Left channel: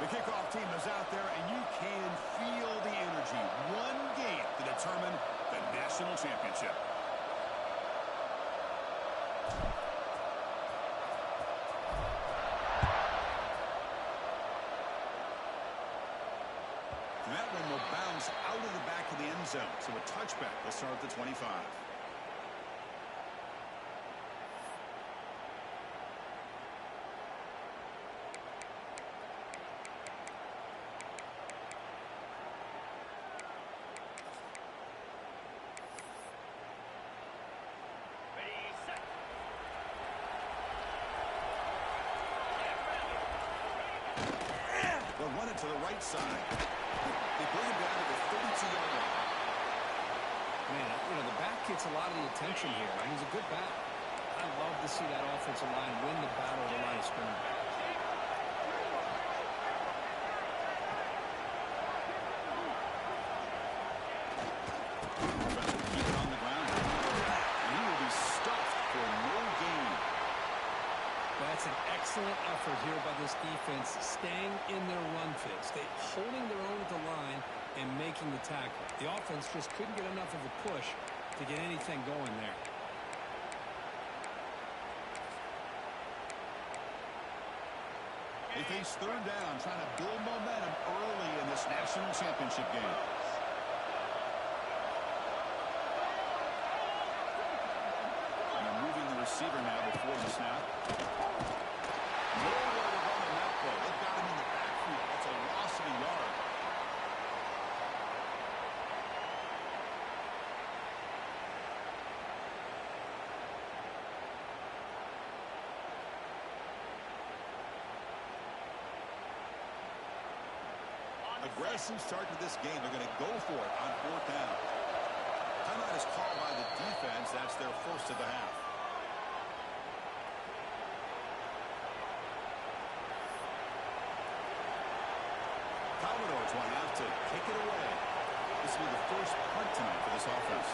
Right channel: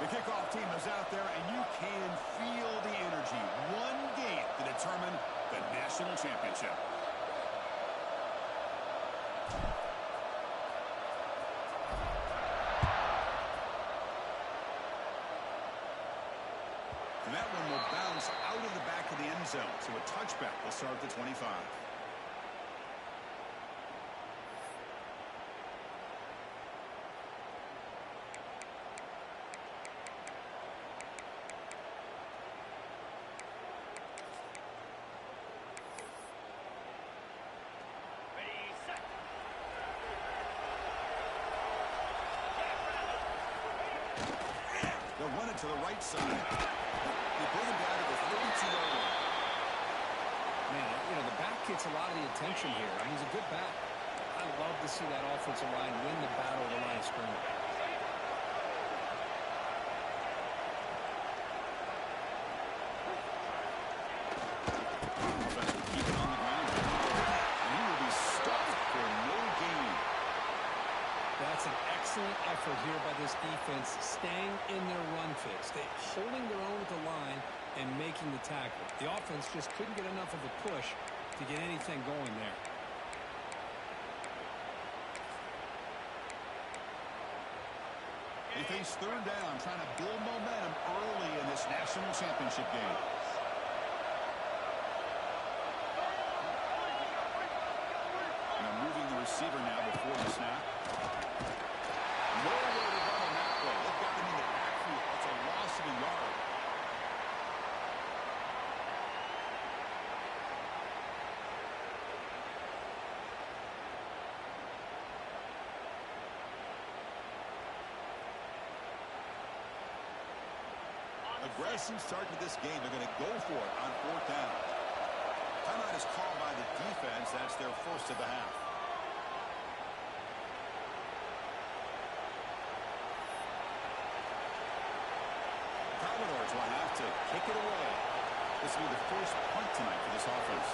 The kickoff team is out there, and you can feel the energy. One game to determine the national championship. And that one will bounce out of the back of the end zone. So a touchback will start at the 25. They'll run it to the right side. They bring him down to the 32-yard line. Man, you know, the back gets a lot of the attention here, and he's a good back. I love to see that offensive line win the battle of the line of scrimmage. Keep it on the ground. And he will be stuffed for no gain. That's an excellent effort here by this defense, staying in their run fits. They holding their own at the line and making the tackle. The offense just couldn't get enough of a push to get anything going there. They face third down, trying to build momentum early in this national championship game. They're moving the receiver now before the snap. Nowhere to run on that play. They've got him in the backfield. That's a loss of a yard. Aggressive start to this game. They're going to go for it on fourth down. Timeout is called by the defense. That's their first of the half. Commodores will have to kick it away. This will be the first punt tonight for this offense.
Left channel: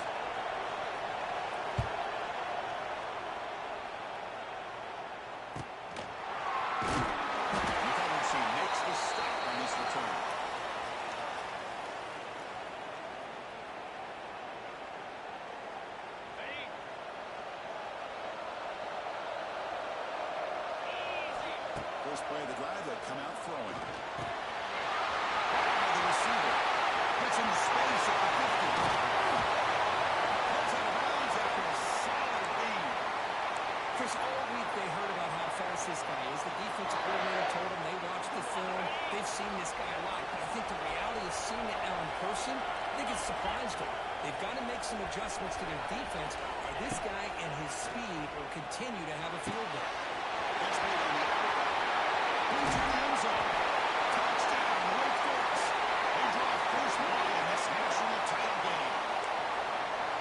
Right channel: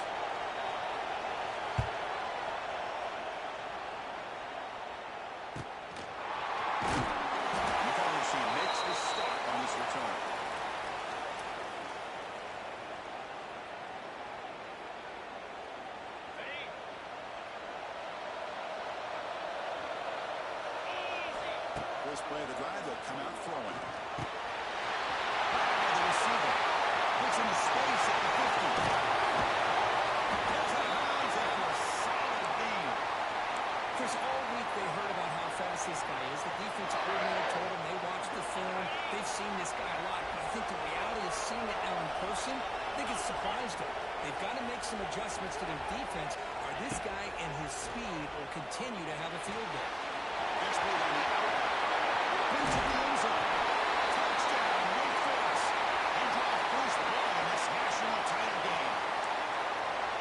She makes the stop on this return. First play of the drive, they'll come out throwing. The receiver gets into space at the 50. Gets out of bounds after a solid game. Chris, all week they heard about how fast this guy is. The defensive coordinator told them they watched the film. They've seen this guy a lot. But I think the reality of seeing it now in person, I think it's surprised them. They've got to make some adjustments to their defense, or this guy and his speed will continue to have a field day. Gets played on the outlet. Brings it to the end zone. Touchdown, Wake Forest. They draw first blood in this national title game.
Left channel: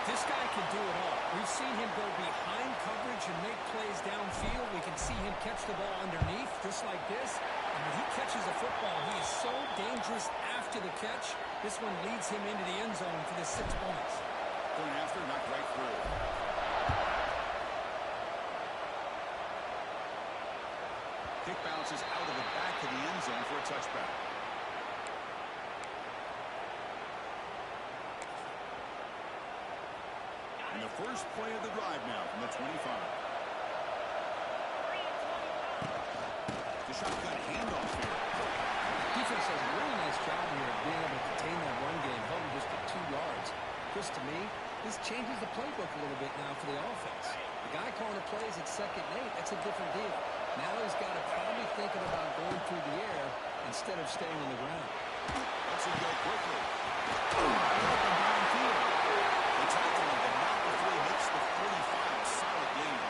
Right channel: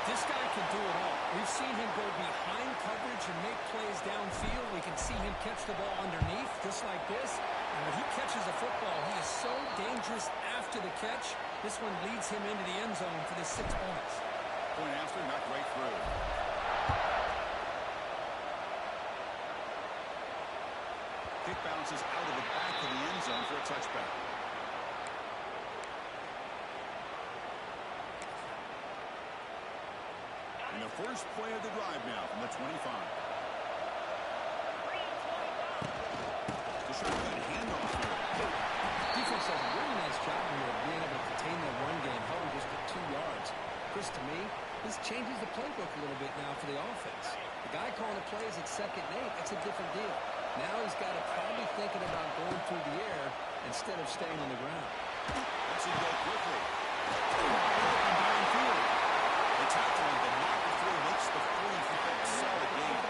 This guy can do it all. We've seen him go behind coverage and make plays downfield. We can see him catch the ball underneath, just like this. And when he catches a football, he is so dangerous after the catch. This one leads him into the end zone for the 6 points. Point after, knocked right through. Kick bounces out of the back of the end zone for a touchback. And the first play of the drive now from the 25. The shotgun handoff here. Defense does a really nice job here of being able to contain that run game, held him just at 2 yards. Chris, to me, this changes the playbook a little bit now for the offense. The guy calling the plays at 2nd and 8, that's a different deal. Now he's got to probably thinking about going through the air instead of staying on the ground. Let's him go quickly. Open downfield. They tackle him, but not before he makes the 45. Solid game.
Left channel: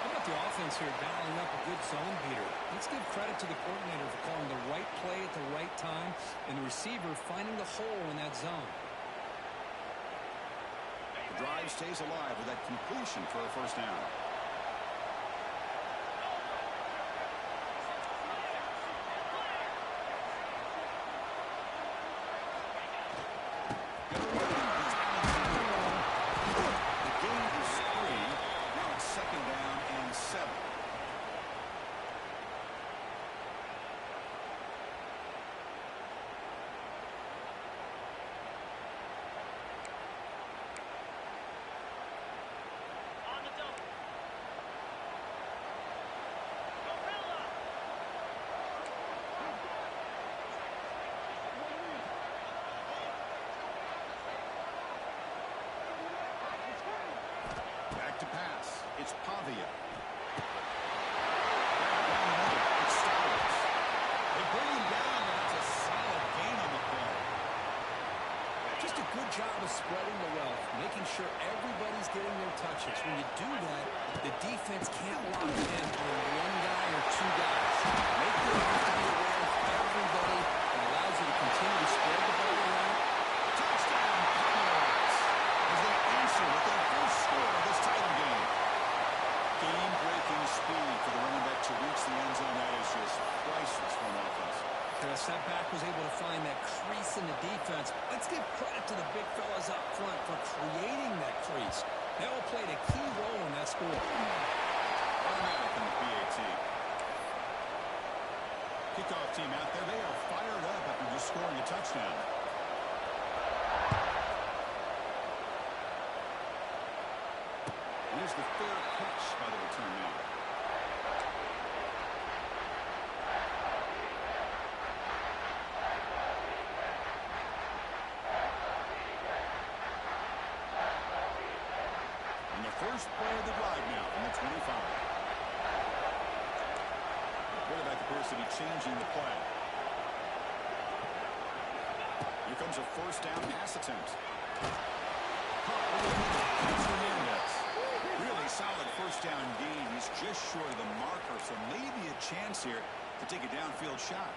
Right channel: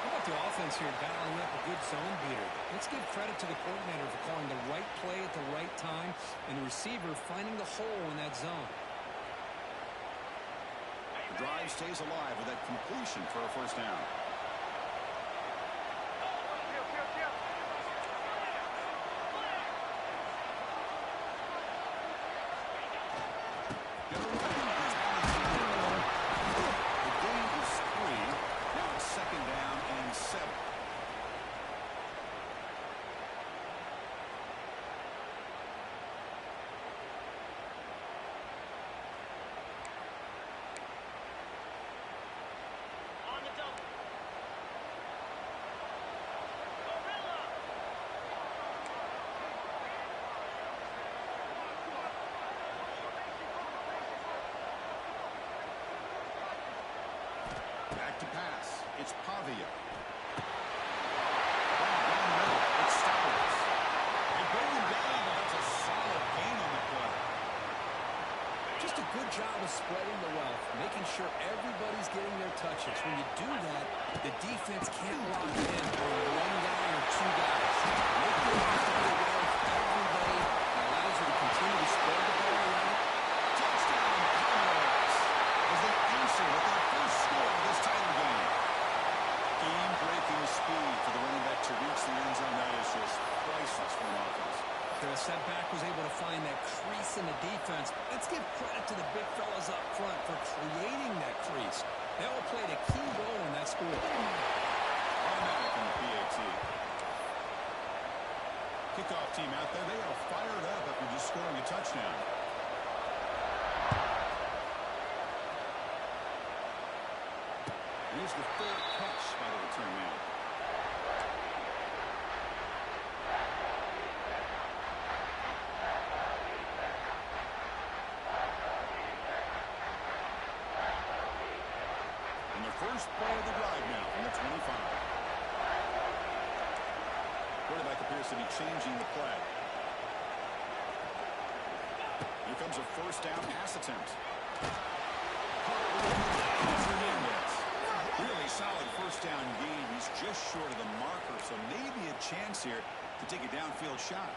How about the offense here dialing up a good zone beater? Let's give credit to the coordinator for calling the right play at the right time and the receiver finding the hole in that zone. The drive stays alive with that completion for a first down. to pass. It's Pavia. Down the middle. It's Stowers. They bring him down, but that's a solid gain on the play. Just a good job of spreading the wealth, making sure everybody's getting their touches. When you do that, the defense can't lock in on one guy or two guys. Make them have to be aware of everybody and allows you to continue to spread the ball around. Touchdown, Commodores, as they answer with their first score of this title game. Game-breaking speed for the running back to reach the end zone. That is just priceless for an offense. Chris, that back was able to find that crease in the defense. Let's give credit to the big fellas up front for creating that crease. They all played a key role in that score. Automatic on the PAT. Kickoff team out there. They are fired up after just scoring a touchdown. Here's the fair catch by the return man. And the first play of the drive now from the 25. The quarterback appears to be changing the play. Here comes a first down pass attempt. Hernandez. Really solid first down gain. He's just short of the marker, so maybe a chance here to take a downfield shot.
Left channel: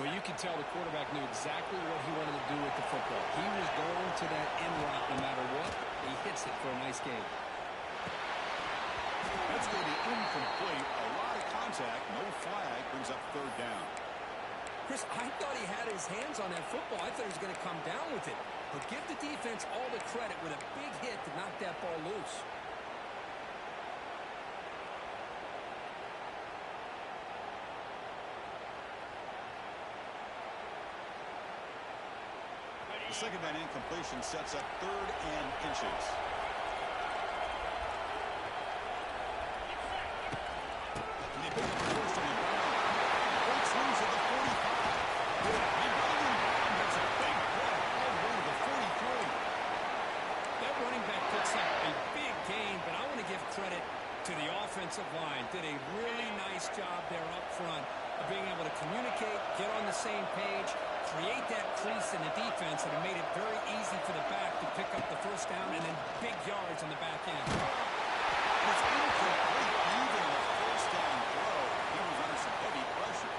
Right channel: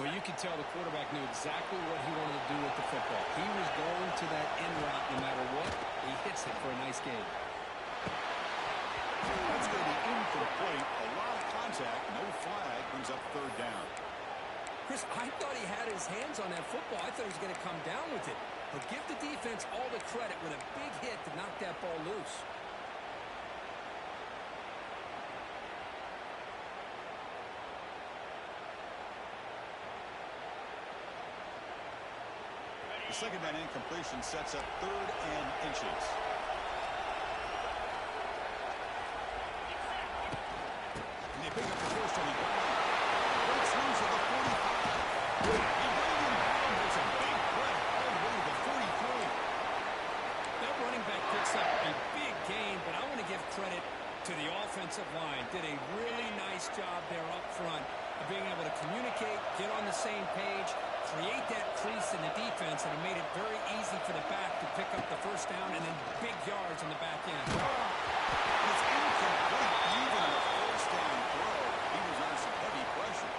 Well, you can tell the quarterback knew exactly what he wanted to do with the football. He was going to that end route no matter what. He hits it for a nice gain. That's going to be incomplete. A lot of contact. No flag. Brings up third down. Chris, I thought he had his hands on that football. I thought he was going to come down with it. But give the defense all the credit with a big hit to knock that ball loose. The second down incompletion sets up third and inches. And they pick up the first on the ground. Breaks loose at the 45. He brings him down. Makes a big play all the way to the 43. That running back picks up a big gain, but I want to give credit to the offensive line. Did a really nice job there up front of being able to communicate, get on the same page, create that crease in the defense, and it made it very easy for the back to pick up the first down and then big yards on the back end. And it's incomplete. Even on a first down throw, he was under some heavy pressure.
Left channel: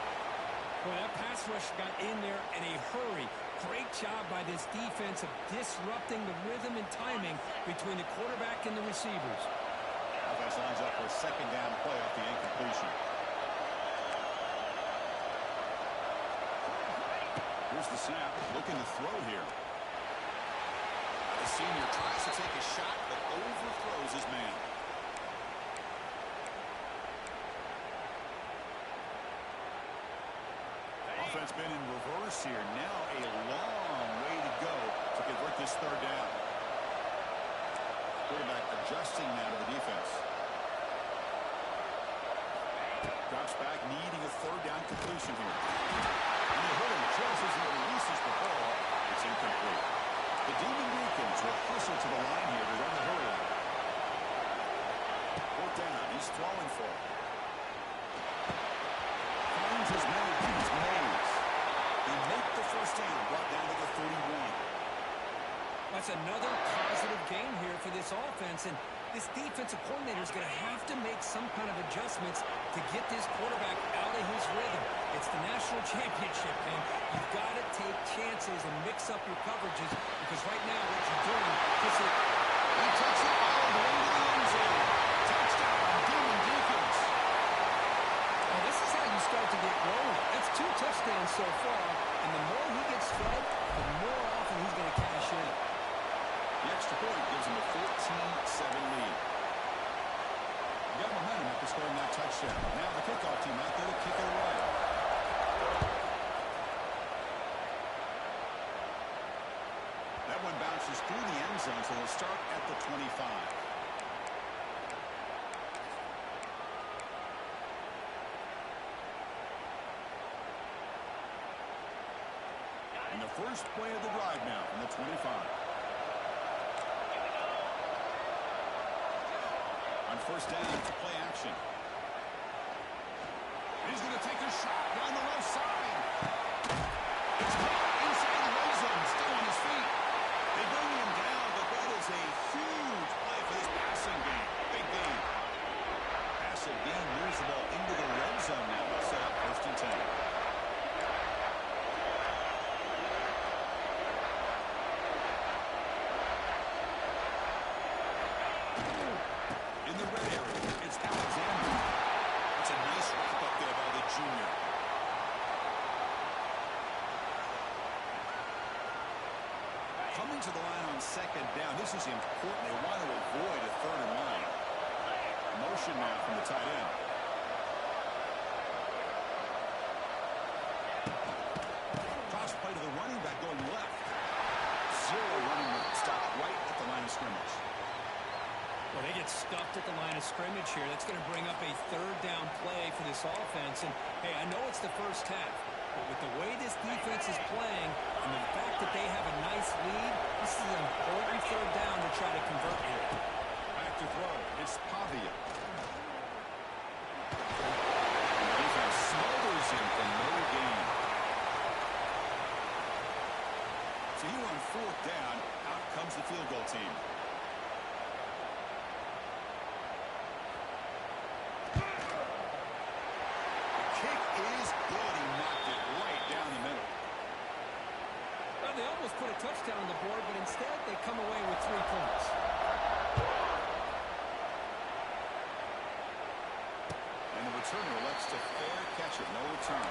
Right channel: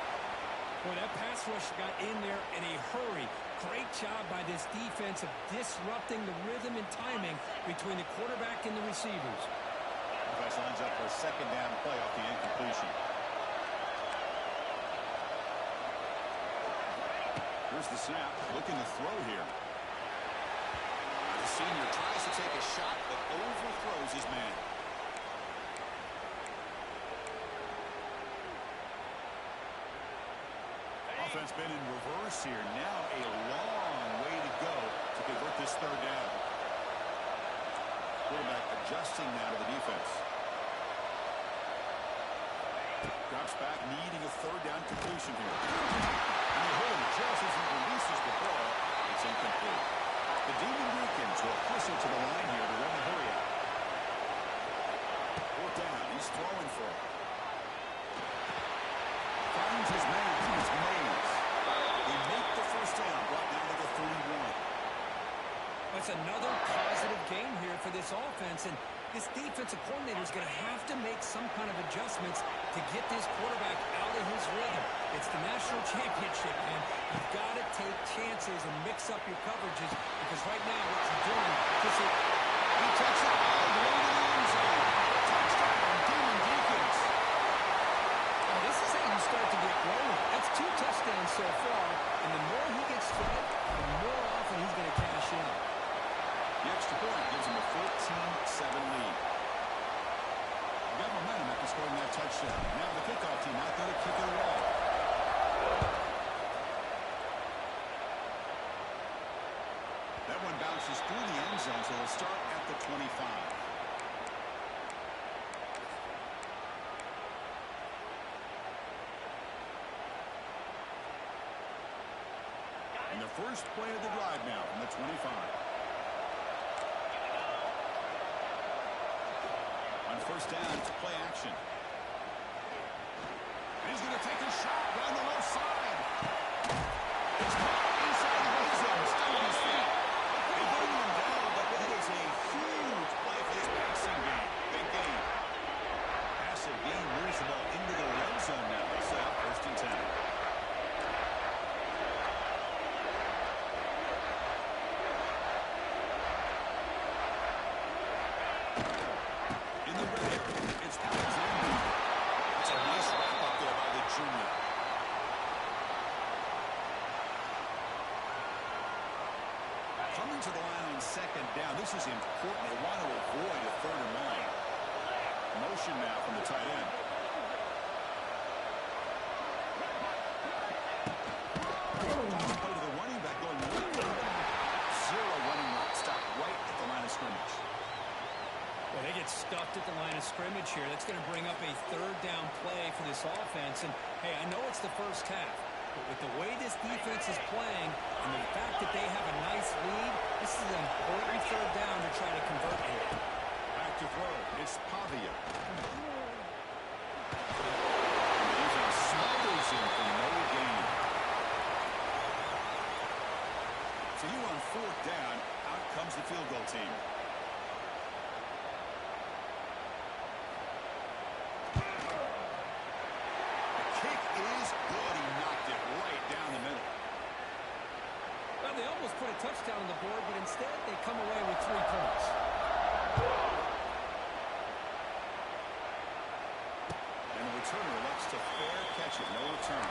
Boy, that pass rush got in there in a hurry. Great job by this defense of disrupting the rhythm and timing between the quarterback and the receivers. Offense lines up for a second down play off the incompletion. Here's the snap. Looking to throw here. Now the senior tries to take a shot, but overthrows his man. Offense been in reverse here. Now a long way to go to convert this third down. Quarterback adjusting now to the defense. Drops back, needing a third down completion here. And they hit him just as he releases the ball. It's incomplete. The Demon Deacons will hustle to the line here to run the hurry out. Fourth down. He's throwing for it. Finds his man. It's Mays. They make the first down. Brought down to the 31. That's another positive game here for this offense, and this defensive coordinator is going to have to make some kind of adjustments to get this quarterback out of his rhythm. It's the national championship, and you've got to take chances and mix up your coverages because right now what you're doing is He takes it all the way to the end zone. Touchdown, Demon Deacons. Well, this is how you start to get rolling. That's 2 touchdowns so far, and the more he gets fed, the more often he's going to cash in. The extra point gives him a 14-7 lead. Got momentum after scoring that touchdown. Now the kickoff team out there to kick it away. That one bounces through the end zone, so they'll start at the 25. And the first play of the drive now from the 25. On first down, it's a play action. He's going to take a shot down the left side. It's caught inside the red zone, still on his feet. They bring him down, but that is a huge play for this passing game. Big game. Passive gain moves the ball into the red zone now. They'll set up first and 10. In the red area, it's Alexander. That's a nice wrap up there by the junior. Coming to the line on second down, this is important. They want to avoid a third and long. Motion now from the tight end. Toss play to the running back going left. Zero running route. Stop right at the line of scrimmage. Well, they get stuffed at the line of scrimmage here. That's going to bring up a third down play for this offense. And, hey, I know it's the first half, but with the way this defense is playing and the fact that they have a nice lead, this is an important third down to try to convert here. Back to throw. It's Pavia. And the defense smothers him for no gain. So here on fourth down, out comes the field goal team. Kick is good. He knocked it right down the middle. Well, they almost put a touchdown on the board, but instead they come away with 3 points. And the returner elects to fair catch it. No return.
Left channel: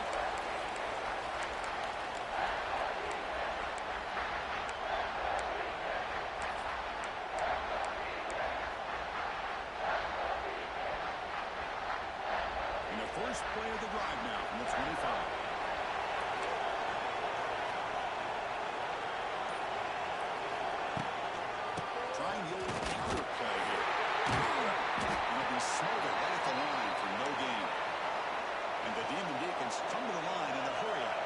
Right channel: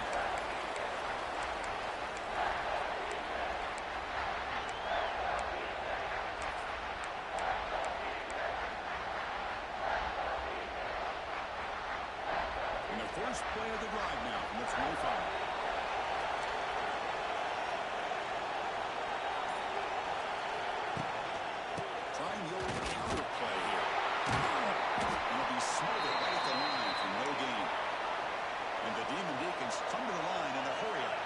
And the first play of the drive now from the 25. Trying the old counter play here. And it'll be smothered right at the line for no gain. And the Demon Deacons come to the line in a hurry up.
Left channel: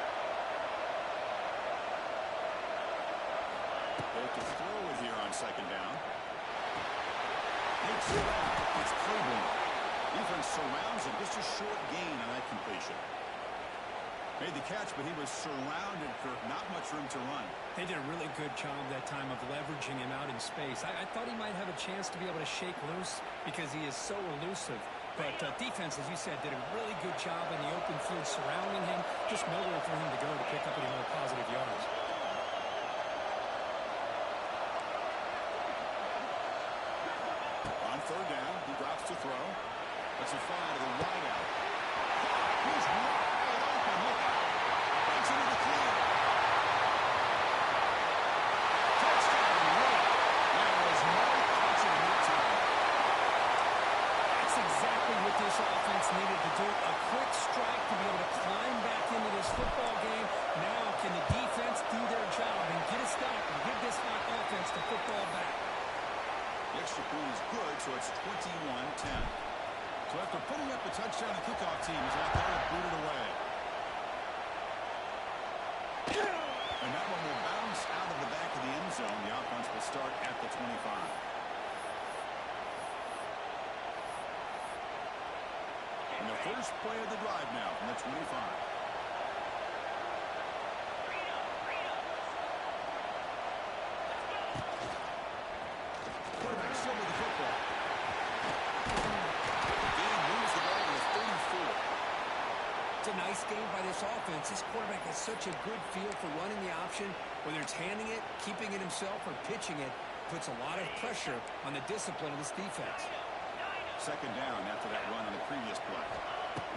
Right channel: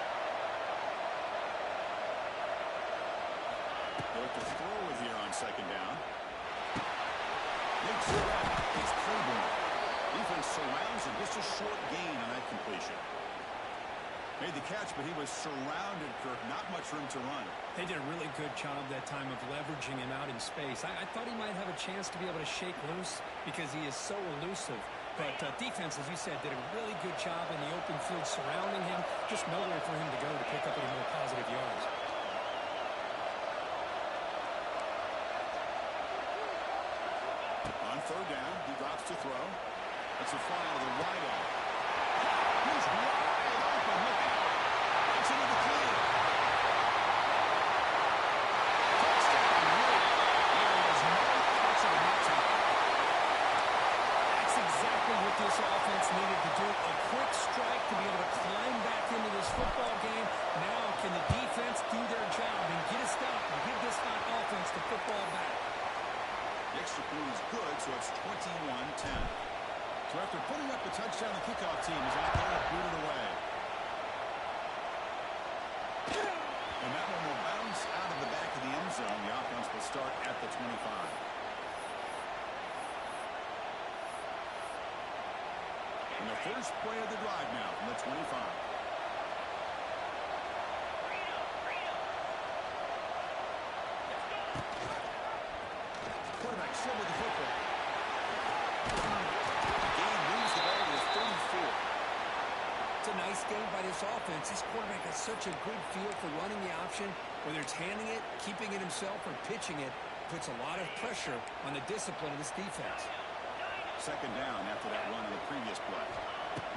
They look to throw it here on second down. Makes it back. It's Claiborne. Defense surrounds him. Just a short gain on that completion. Made the catch, but he was surrounded, Kirk. Not much room to run. They did a really good job that time of leveraging him out in space. I thought he might have a chance to be able to shake loose because he is so elusive. But defense, as you said, did a really good job in the open field surrounding him. Just nowhere for him to go to pick up any more positive yards. On third down, he drops to throw. That's a fly to the wide out. He's wide open. Look out. Breaks into the clear. Touchdown, right. There was no catching in that time. That's exactly what this offense needed to do. A quick strike to be able to climb back into this football game. Now can the defense do their job and get a stop and give this hot offense the football back? The extra point is good, so it's 21-10. So after putting up a touchdown, the kickoff team is out there and booted away. And that one will bounce out of the back of the end zone. The offense will start at the 25. And the first play of the drive now from the 25. Quarterback still with the football. Game moves the ball to the 34. It's a nice game by this offense. This quarterback has such a good feel for running the option. Whether it's handing it, keeping it himself, or pitching it, puts a lot of pressure on the discipline of this defense. Second down after that run on the previous play.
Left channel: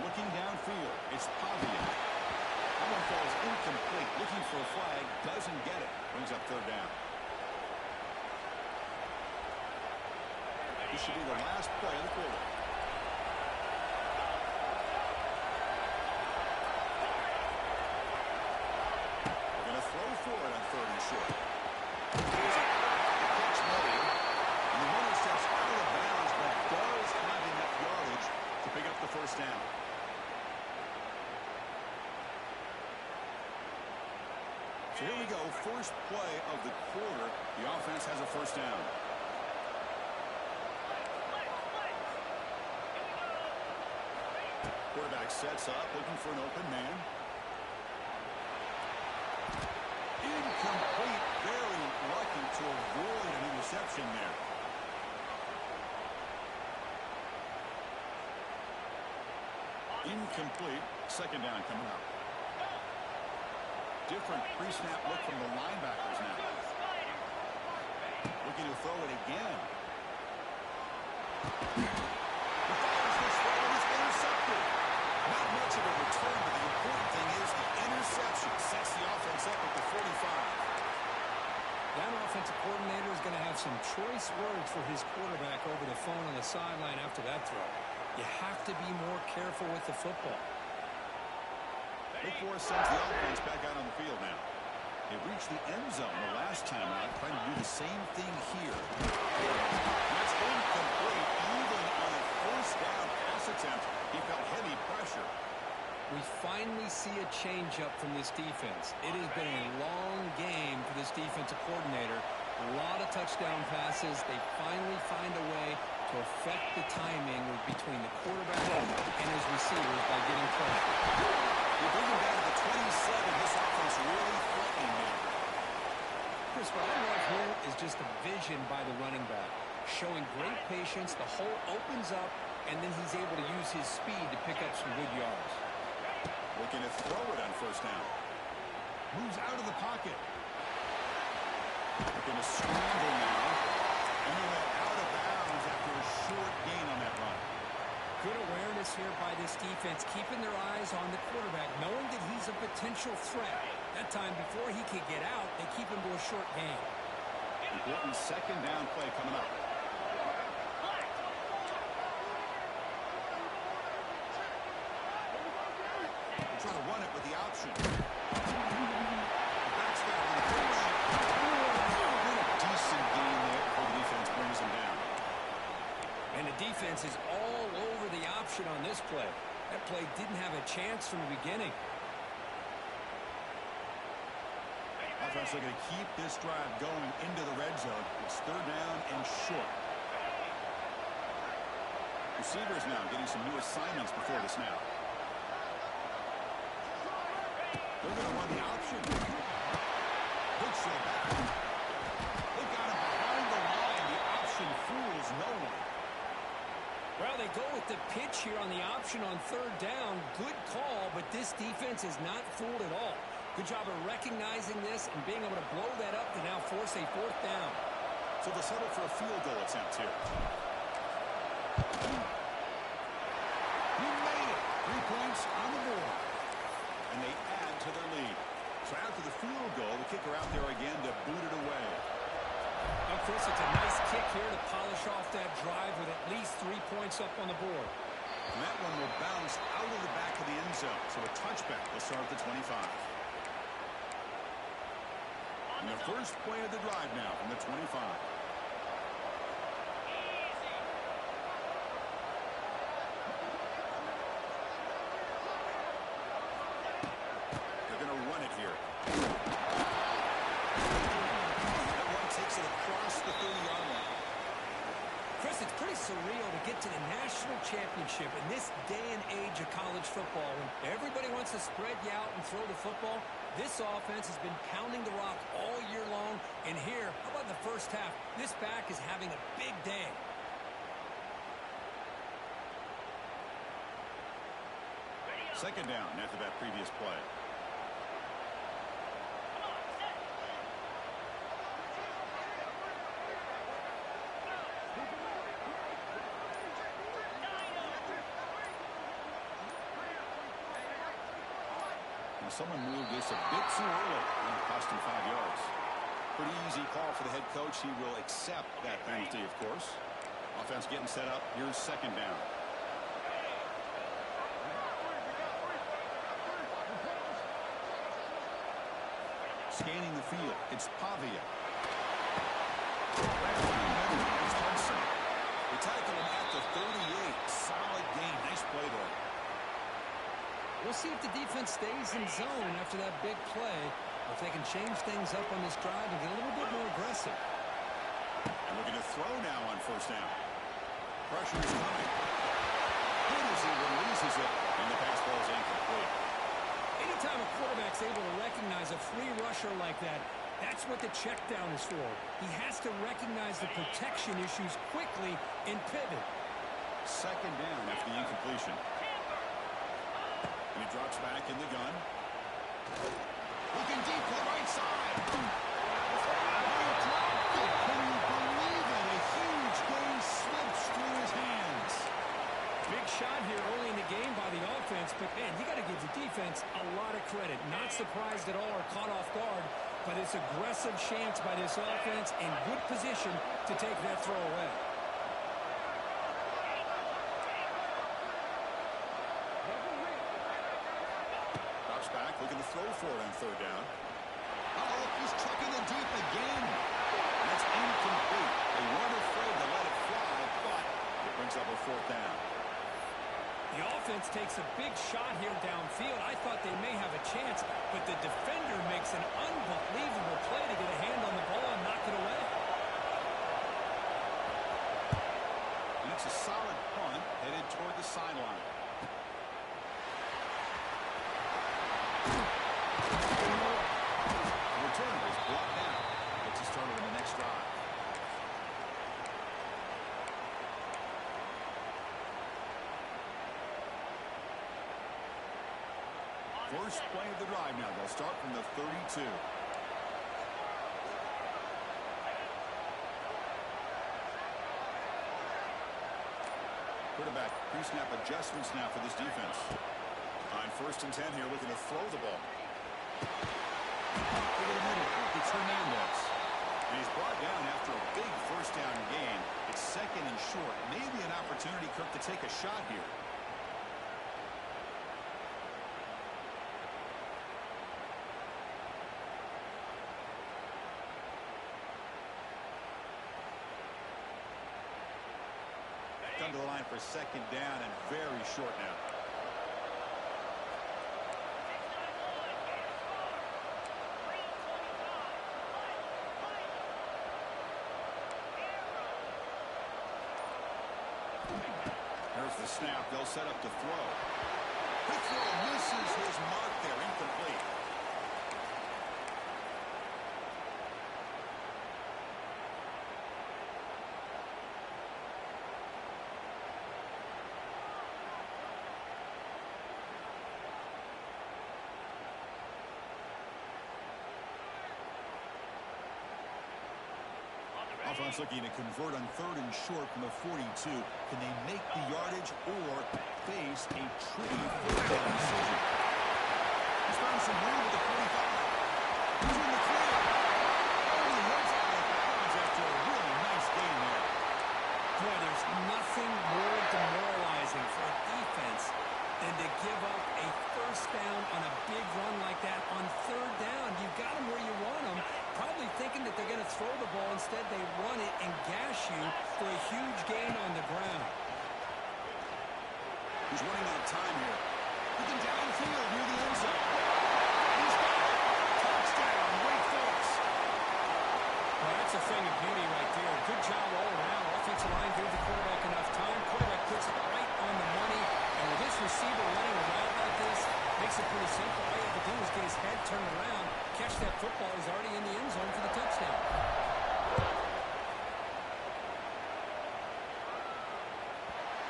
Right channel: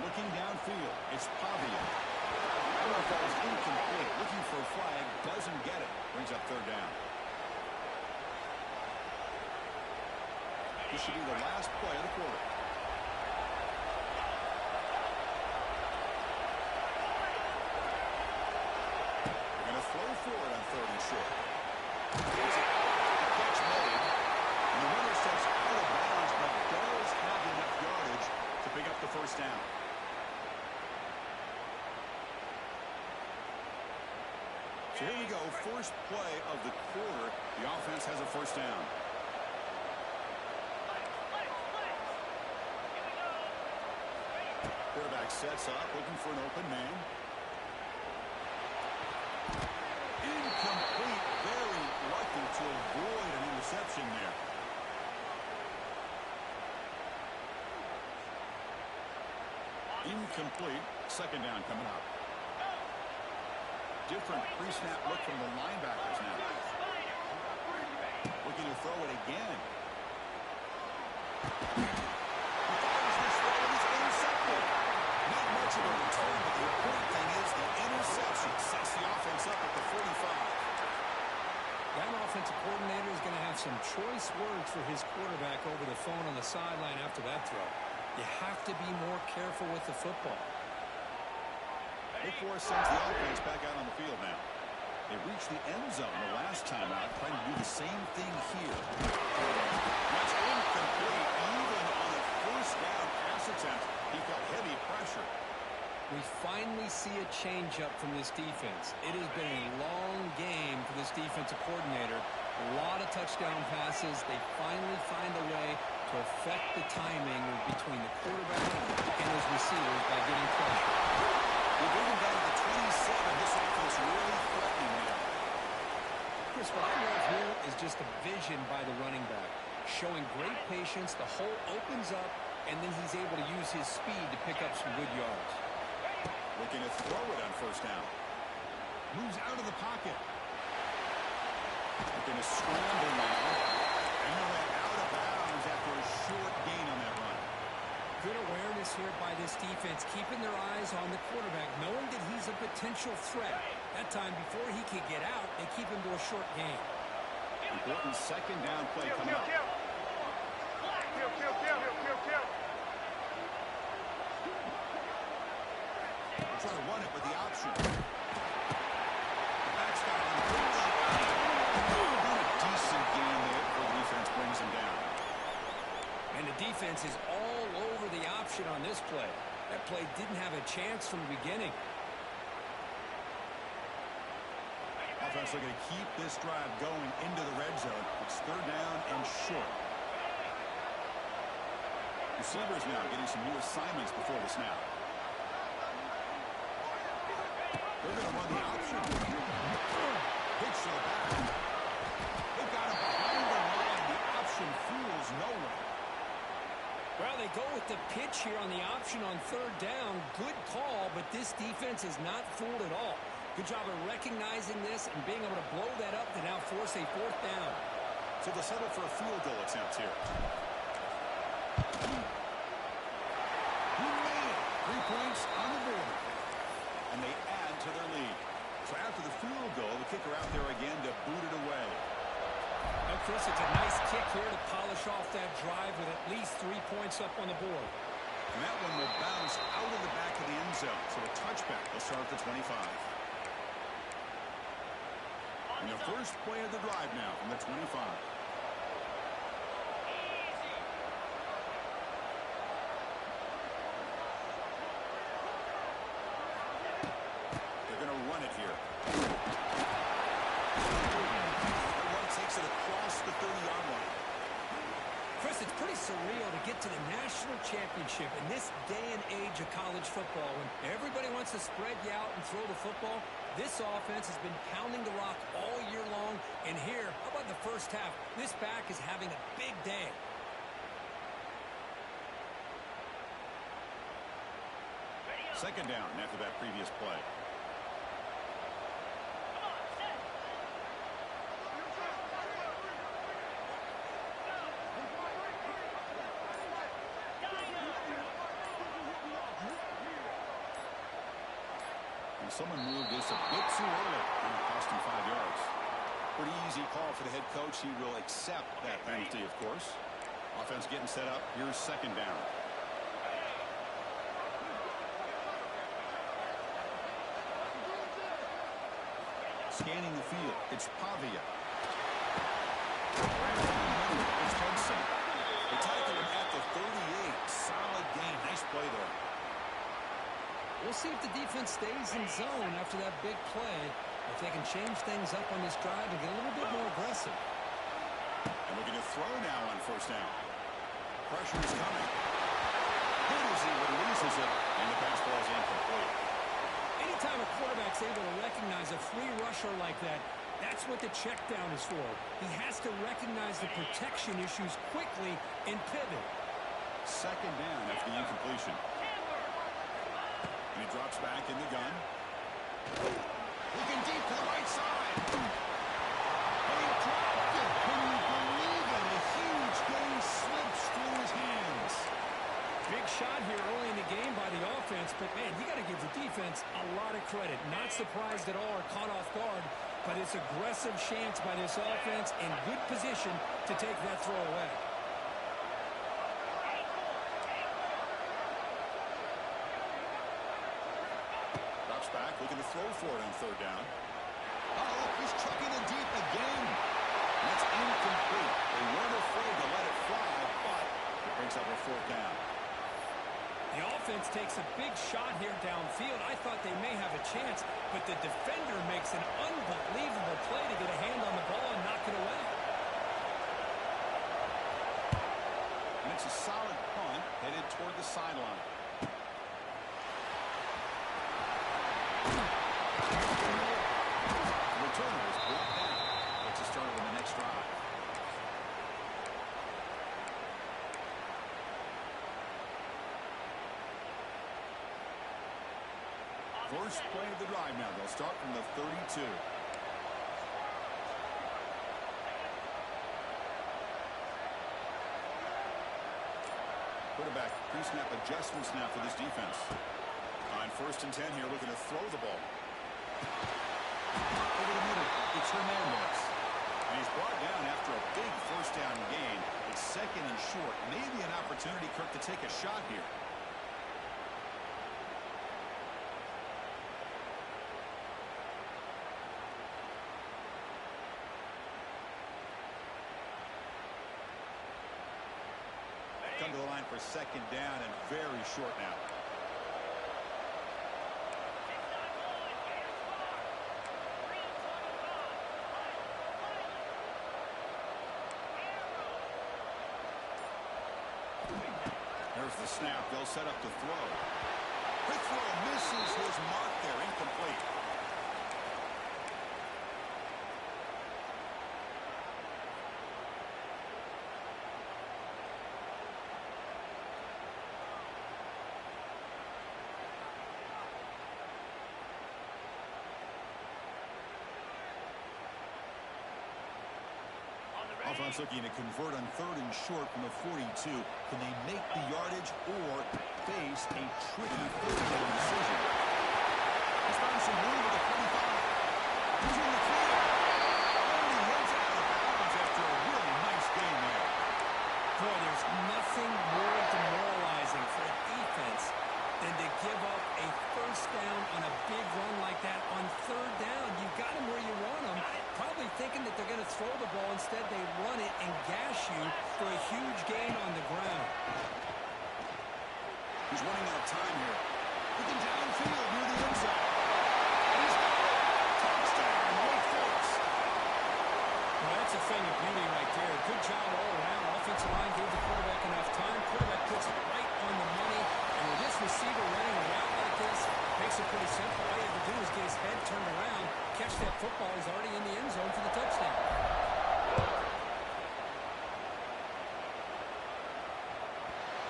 Looking downfield, it's Pavia. That one falls incomplete. Looking for a flag, doesn't get it. Brings up third down. This should be the last play of the quarter. They're going to throw for it on third and short. The catch made. And the runner steps out of bounds, but does have enough yardage to pick up the first down. So here we go. First play of the quarter. The offense has a first down. Quarterback sets up, looking for an open man. Incomplete. Very lucky to avoid an interception there. Incomplete. Second down coming up. Different pre-snap look from the linebackers now. Looking to throw it again. He fires this throw and it's intercepted. Not much of a return, but the important thing is the interception sets the offense up at the 45. That offensive coordinator is going to have some choice words for his quarterback over the phone on the sideline after that throw. You have to be more careful with the football. Big Force sends the offense back out on the field now. They reached the end zone the last time out, trying to do the same thing here. That's incomplete. Even on a first down pass attempt, he felt heavy pressure. We finally see a change-up from this defense. It has been a long game for this defensive coordinator. A lot of touchdown passes. They finally find a way to affect the timing between the quarterback and his receivers by getting pressure. They bring him down to the 27. This offense really threatening now. Chris, what I love here is just the vision by the running back. Showing great patience. The hole opens up, and then he's able to use his speed to pick up some good yards. Looking to throw it on first down. Moves out of the pocket. Looking to scramble now. And he'll head out of bounds after a short gain on that run. Good awareness here by this defense, keeping their eyes on the quarterback, knowing that he's a potential threat. That time, before he could get out, they keep him to a short gain. Important second down play coming up. We'll try to run it with the option. The back's got on the pitch. Doing a decent gain there before the defense brings him down. And the defense is all over the option on this play. That play didn't have a chance from the beginning. Offense looking to keep this drive going into the red zone. It's third down and short. Receivers now getting some new assignments before the snap. They're going to run the option. Pitch to the back. They've got him behind the line. The option fools no one. Well, they go with the pitch here on the option on third down. Good call, but this defense is not fooled at all. Good job of recognizing this and being able to blow that up to now force a fourth down. So they'll settle for a field goal attempt here. He made it. 3 points on the board. And they add to their lead. So after the field goal, the kicker out there again to boot it away. Now, Chris, it's a nice kick here to polish off that drive with at least 3 points up on the board. And that one will bounce out of the back of the end zone. So a touchback will start at the 25. And the first play of the drive now from the 25. They're going to run it here. That run takes it across the 30-yard line. Chris, it's pretty surreal to get to the national championship in this day and age of college football when everybody wants to spread you out and throw the football. This offense has been pounding the rock all year long. And here, how about the first half? This back is having a big day. Second down after that previous play. Someone moved this a bit too early, and it cost him 5 yards. Pretty easy call for the head coach. He will accept that penalty, of course. Offense getting set up. Here's second down. Scanning the field. It's Pavia. It's Hudson. They tackle him at the 38. Solid game. Nice play there. We'll see if the defense stays in zone after that big play. If they can change things up on this drive and get a little bit more aggressive. And looking to throw now on first down. Pressure is coming. Good as he releases it, and the pass ball is incomplete. Anytime a quarterback's able to recognize a free rusher like that, that's what the check down is for. He has to recognize the protection issues quickly and pivot. Second down after the incompletion. And he drops back in the gun. Looking deep to the right side. Oh, he dropped it. Can you believe it? A huge gain slips through his hands. Big shot here early in the game by the offense, but, man, you got to give the defense a lot of credit. Not surprised at all or caught off guard, but it's aggressive chance by this offense in good position to take that throw away. Drops back, looking to throw for it on third down. Oh, look, he's trucking it deep again. And that's incomplete. They weren't afraid to let it fly, but it brings up a fourth down. The offense takes a big shot here downfield. I thought they may have a chance, but the defender makes an unbelievable play to get a hand on the ball and knock it away. And it's a solid punt headed toward the sideline. The returner is brought down. Gets us started in the next drive. First play of the drive now. They'll start from the 32. Quarterback pre-snap adjustments now for this defense. On first and 10 here, looking to throw the ball. Over the middle, it's Hernandez. And he's brought down after a big first down gain. It's second and short. Maybe an opportunity, Kirk, to take a shot here. Come to the line for second down and very short now. There's the snap. They'll set up to throw. Quick throw misses his mark there. Incomplete. Offense looking to convert on third and short from the 42. Can they make the yardage or face a tricky third down decision? He's found some room at the 45. He's in the clear. Oh, he heads out of bounds after a really nice gain there. Boy, there's nothing more demoralizing for a defense than to give up a first down on a big run like that on third down. You got them where you want them, probably thinking that they're going to throw the ball. Instead, they run it and gash you for a huge gain on the ground. He's running out of time here. Looking downfield near the end zone. He's got it. Touchdown, Wake Forest. Well, that's a thing of beauty right there. Good job all around. Offensive line gave the quarterback enough time. Quarterback puts it right on the money. And with this receiver running a route like this, makes it pretty simple. All you have to do is get his head turned around, catch that football. He's already in the end zone for the touchdown.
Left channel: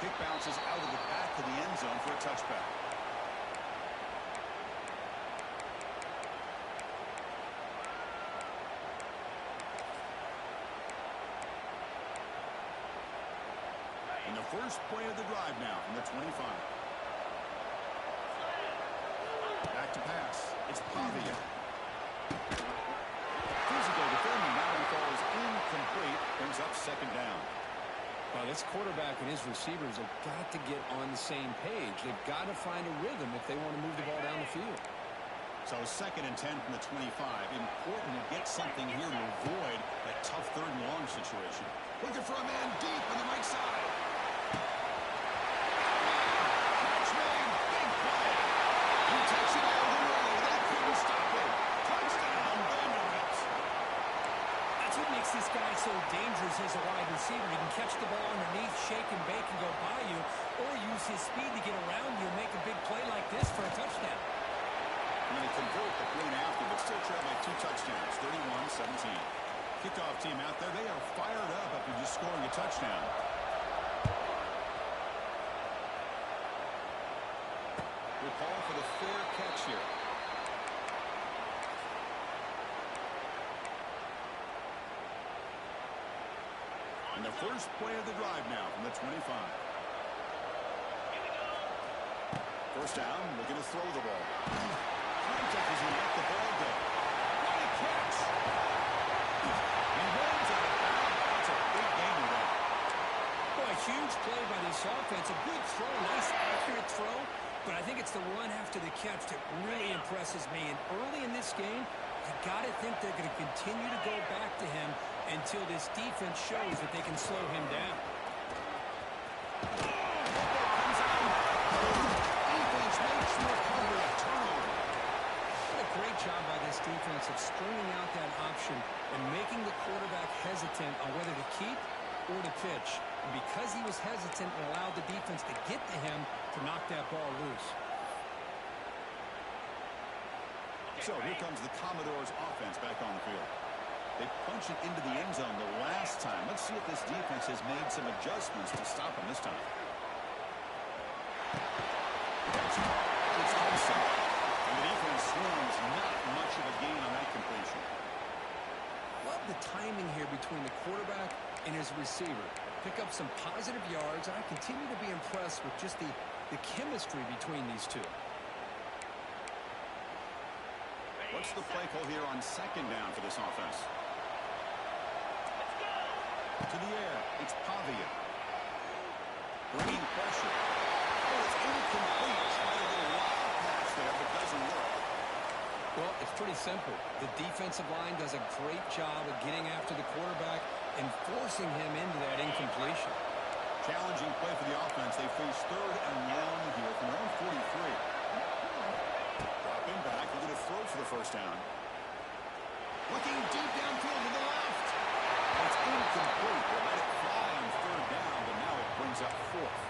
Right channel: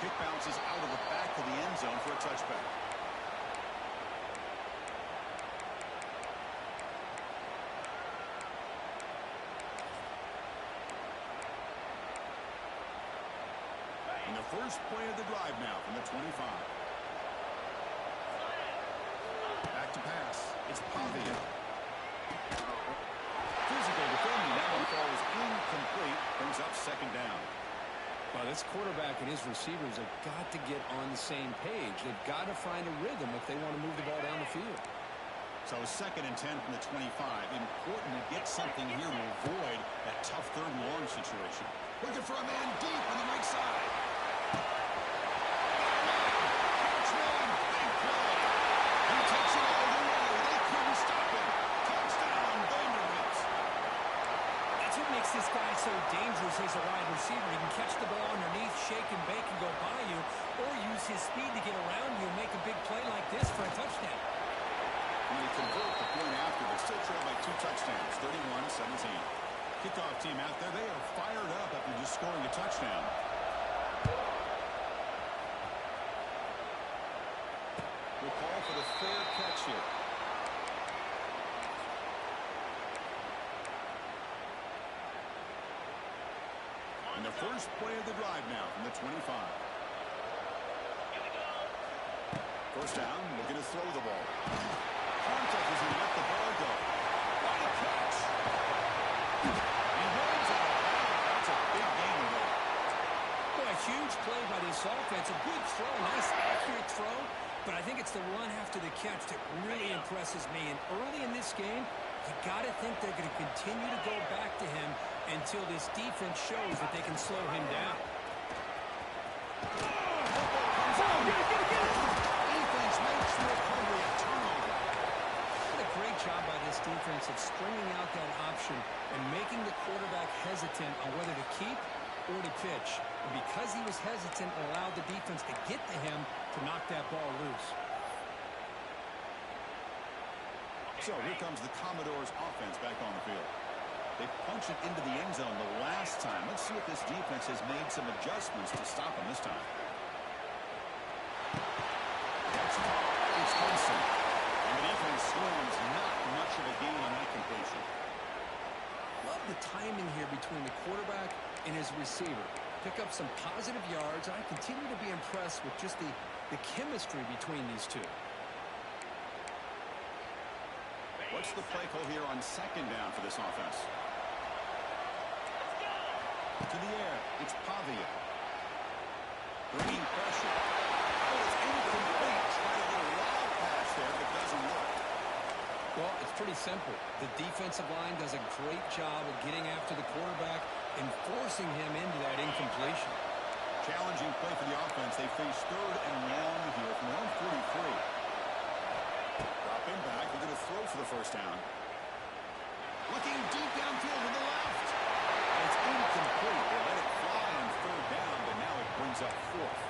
Kick bounces out of the back of the end zone for a touchback. And the first play of the drive now from the 25. Back to pass. It's Pavia. Physical defending. That one falls incomplete. Brings up second down. Well, this quarterback and his receivers have got to get on the same page. They've got to find a rhythm if they want to move the ball down the field. So second and 10 from the 25. Important to get something here to avoid that tough third and long situation. Looking for a man deep on the right side. Catch made. Big play. He takes it all the way. They couldn't stop him. Touchdown, Vanderbilt. That's what makes this guy so dangerous as a wide receiver. He can catch the ball underneath, shake and bake, and go by you, or use his speed to get around you and make a big play like this for a touchdown. Going to convert the point after, but still trail by 2 touchdowns, 31-17. Kickoff team out there, they are fired up after just scoring a touchdown. We'll call for the fair catch here. And the first play of the drive now from the 25. Here we go. First down, looking to throw the ball. Contact as he let the ball go. What a catch! He runs out of bounds. That's a big gainer there. Boy, a huge play by this offense. A good throw, a nice accurate throw. But I think it's the run after the catch that really impresses me. And early in this game, you got to think they're going to continue to go back to him until this defense shows that they can slow him down. Football comes out. Defense makes the recovery, a turnover. What a great job by this defense of stringing out that option and making the quarterback hesitant on whether to keep or to pitch. And because he was hesitant, it allowed the defense to get to him to knock that ball loose. So here comes the Commodores offense back on the field. They punch it into the end zone the last time. Let's see if this defense has made some adjustments to stop them this time. That's caught. It's Hudson. And the defense swarms, not much of a gain on that completion. Love the timing here between the quarterback and his receiver. Pick up some positive yards, and I continue to be impressed with just the chemistry between these two. What's the play call here on second down for this offense? Let's go. To the air, it's Pavia. Bringing pressure. Oh, it's incomplete. Tried a little lob pass there, but doesn't work. Well, it's pretty simple. The defensive line does a great job of getting after the quarterback and forcing him into that incompletion. Challenging play for the offense. They face 3rd and long here from their own 43. Dropping back, looking to throw for the first down. Looking deep downfield to the left. It's incomplete. They let it fly on 3rd down, but now it brings up 4th.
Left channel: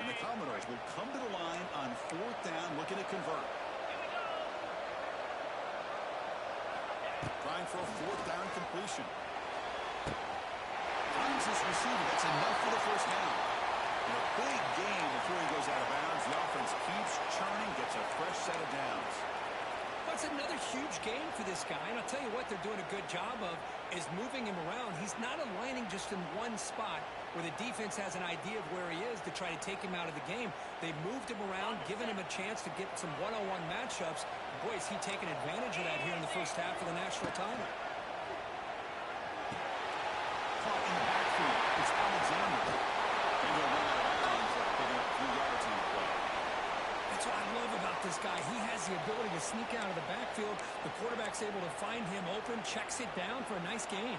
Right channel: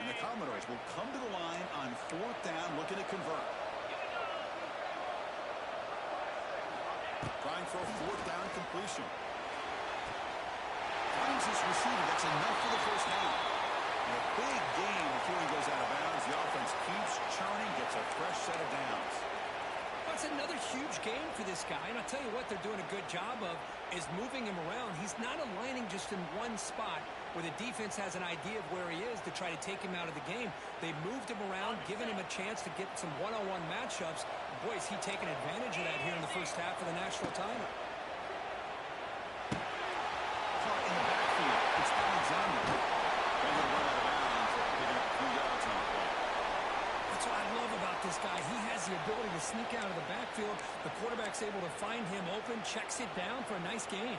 And the Commodores will come to the line on 4th down, looking to convert. Here we go. Trying for a 4th down completion. Finds his receiver. That's enough for the first down. And a big gain before he goes out of bounds. The offense keeps churning, gets a fresh set of downs. Well, it's another huge game for this guy, and I'll tell you what they're doing a good job of is moving him around. He's not aligning just in one spot where the defense has an idea of where he is to try to take him out of the game. They moved him around, given him a chance to get some one-on-one matchups. Boy, is he taking advantage of that here in the first half of the national title. Caught in the backfield. It's Alexander. Going to run out of bounds after picking up a few yards on the play. That's what I love about this guy. He has the ability to sneak out of the backfield. The quarterback's able to find him open, checks it down for a nice gain.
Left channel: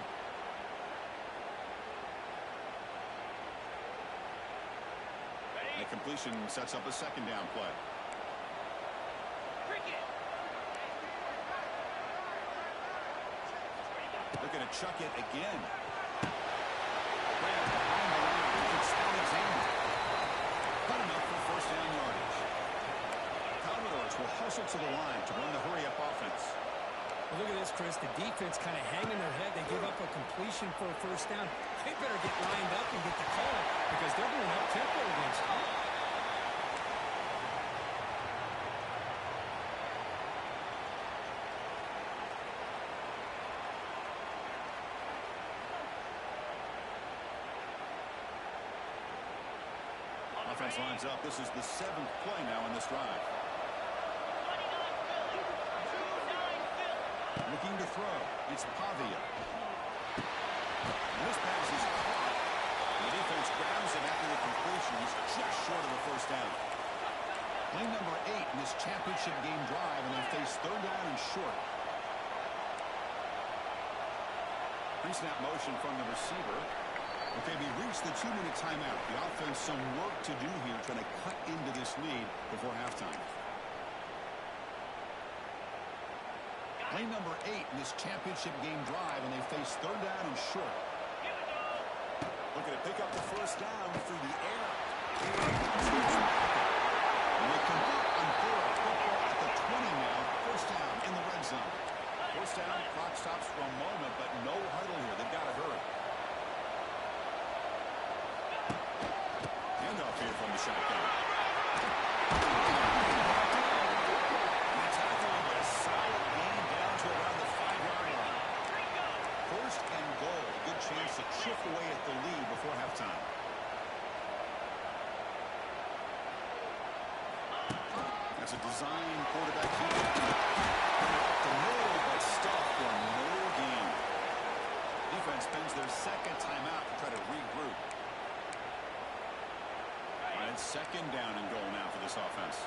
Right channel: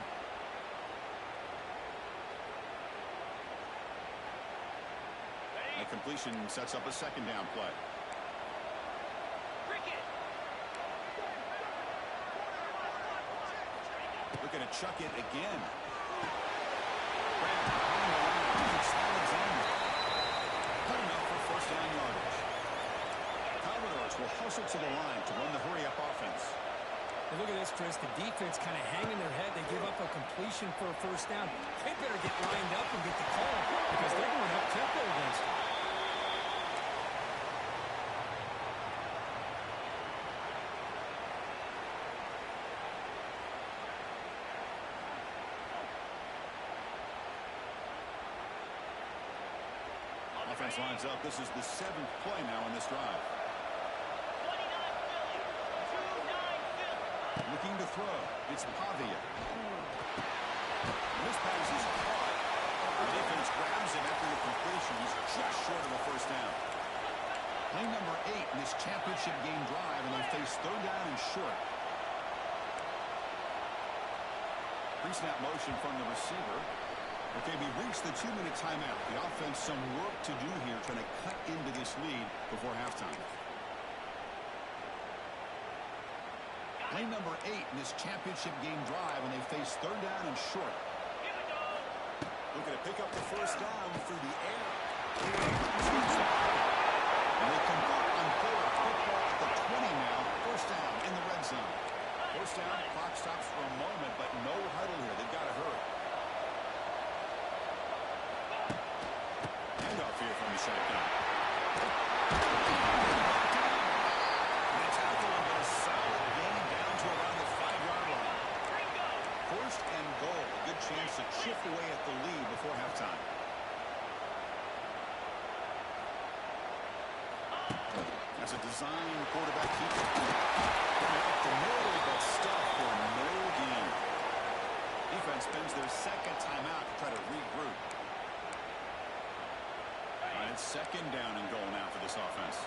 A completion sets up a 2nd down play. Cricket. Looking to chuck it again. Grab behind the line. It's Alexander. Good enough for first down yardage. Commodores will hustle to the line to run the hurry-up offense. Well, look at this, Chris. The defense kind of hanging their head. They give up a completion for a first down. They better get lined up and get the call because they're going up-tempo against them. Offense lines up. This is the 7th play now in this drive. 29 Philly. 2-9 Philly. Looking to throw. It's Pavia. And this pass is caught. The defense grabs him after the completion. He's just short of a first down. Play number 8 in this championship game drive, and they face third down and short. Pre-snap motion from the receiver. Okay, we reached the 2-minute timeout. The offense some work to do here, trying to cut into this lead before halftime. Play number 8 in this championship game drive, and they face third down and short. Here we go. Looking to pick up the first down through the air. And they convert on forward football at the 20 now. First down in the red zone. First down, clock stops for a moment, but no huddle here. They've got to hurry. Handoff here from the shotgun. They tackle him, but a solid gain down to around the 5-yard line. First and goal. A good chance to chip away at the lead before halftime. That's a design quarterback keeper. Up the middle, but stuff for no gain. Defense spends their second timeout to try to regroup. And it's second down and goal now for this offense.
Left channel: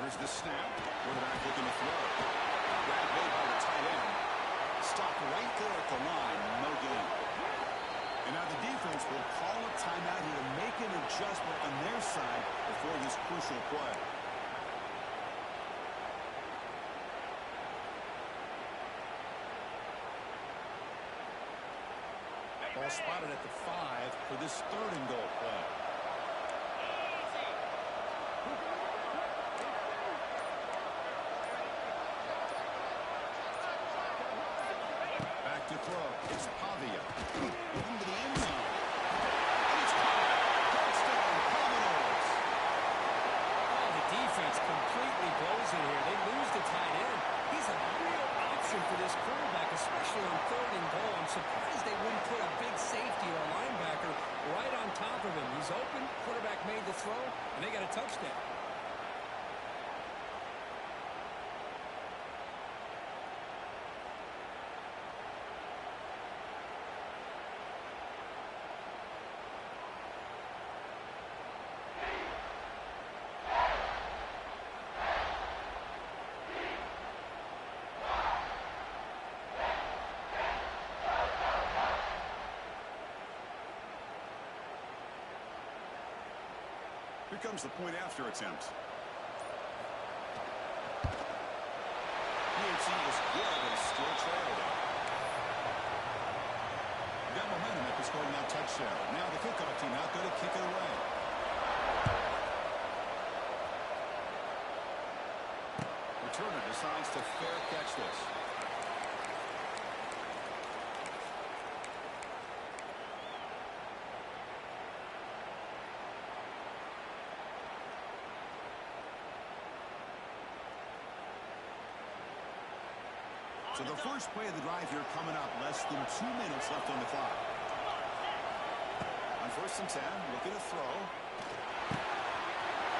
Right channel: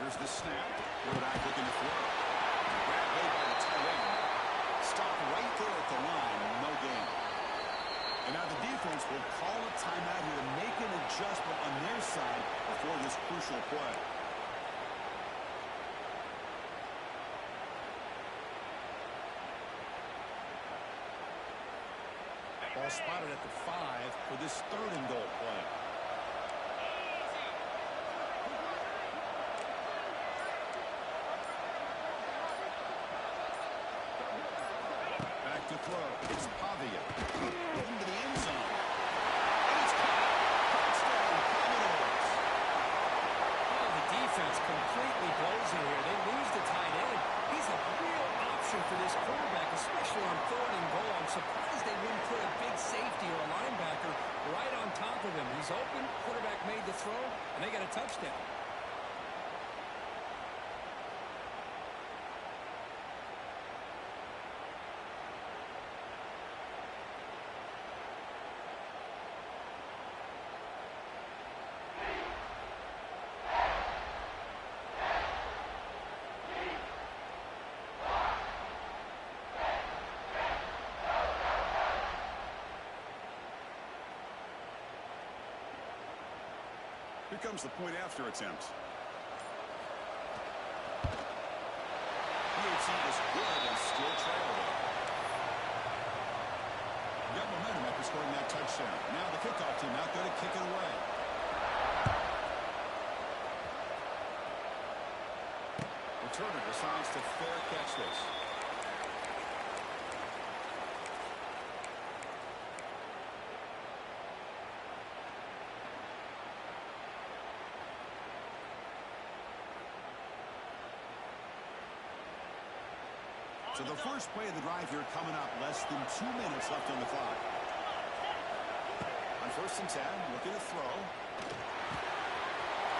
Here's the snap. Quarterback looking to throw. Grab made by the tight end. Stopped right there at the line. No gain. And now the defense will call a timeout here to make an adjustment on their side before this crucial play. Ball spotted at the 5 for this third and goal play. Back to throw. It's Pavia. Into the end zone. And it's caught. Touchdown, Commodores. Oh, the defense completely blows it here. They lose the tight end. He's a real option for this quarterback, especially on third and goal. I'm surprised they wouldn't put a big safety or a linebacker right on top of him. He's open. Quarterback made the throw, and they got a touchdown. Here comes the point after attempt. PHC is good and still trail, though. Got momentum after scoring that touchdown. Now the kickoff team out there to kick it away. Returner decides to fair catch this. So the first play of the drive here coming up, less than 2 minutes left on the clock. On 1st and 10, looking to throw.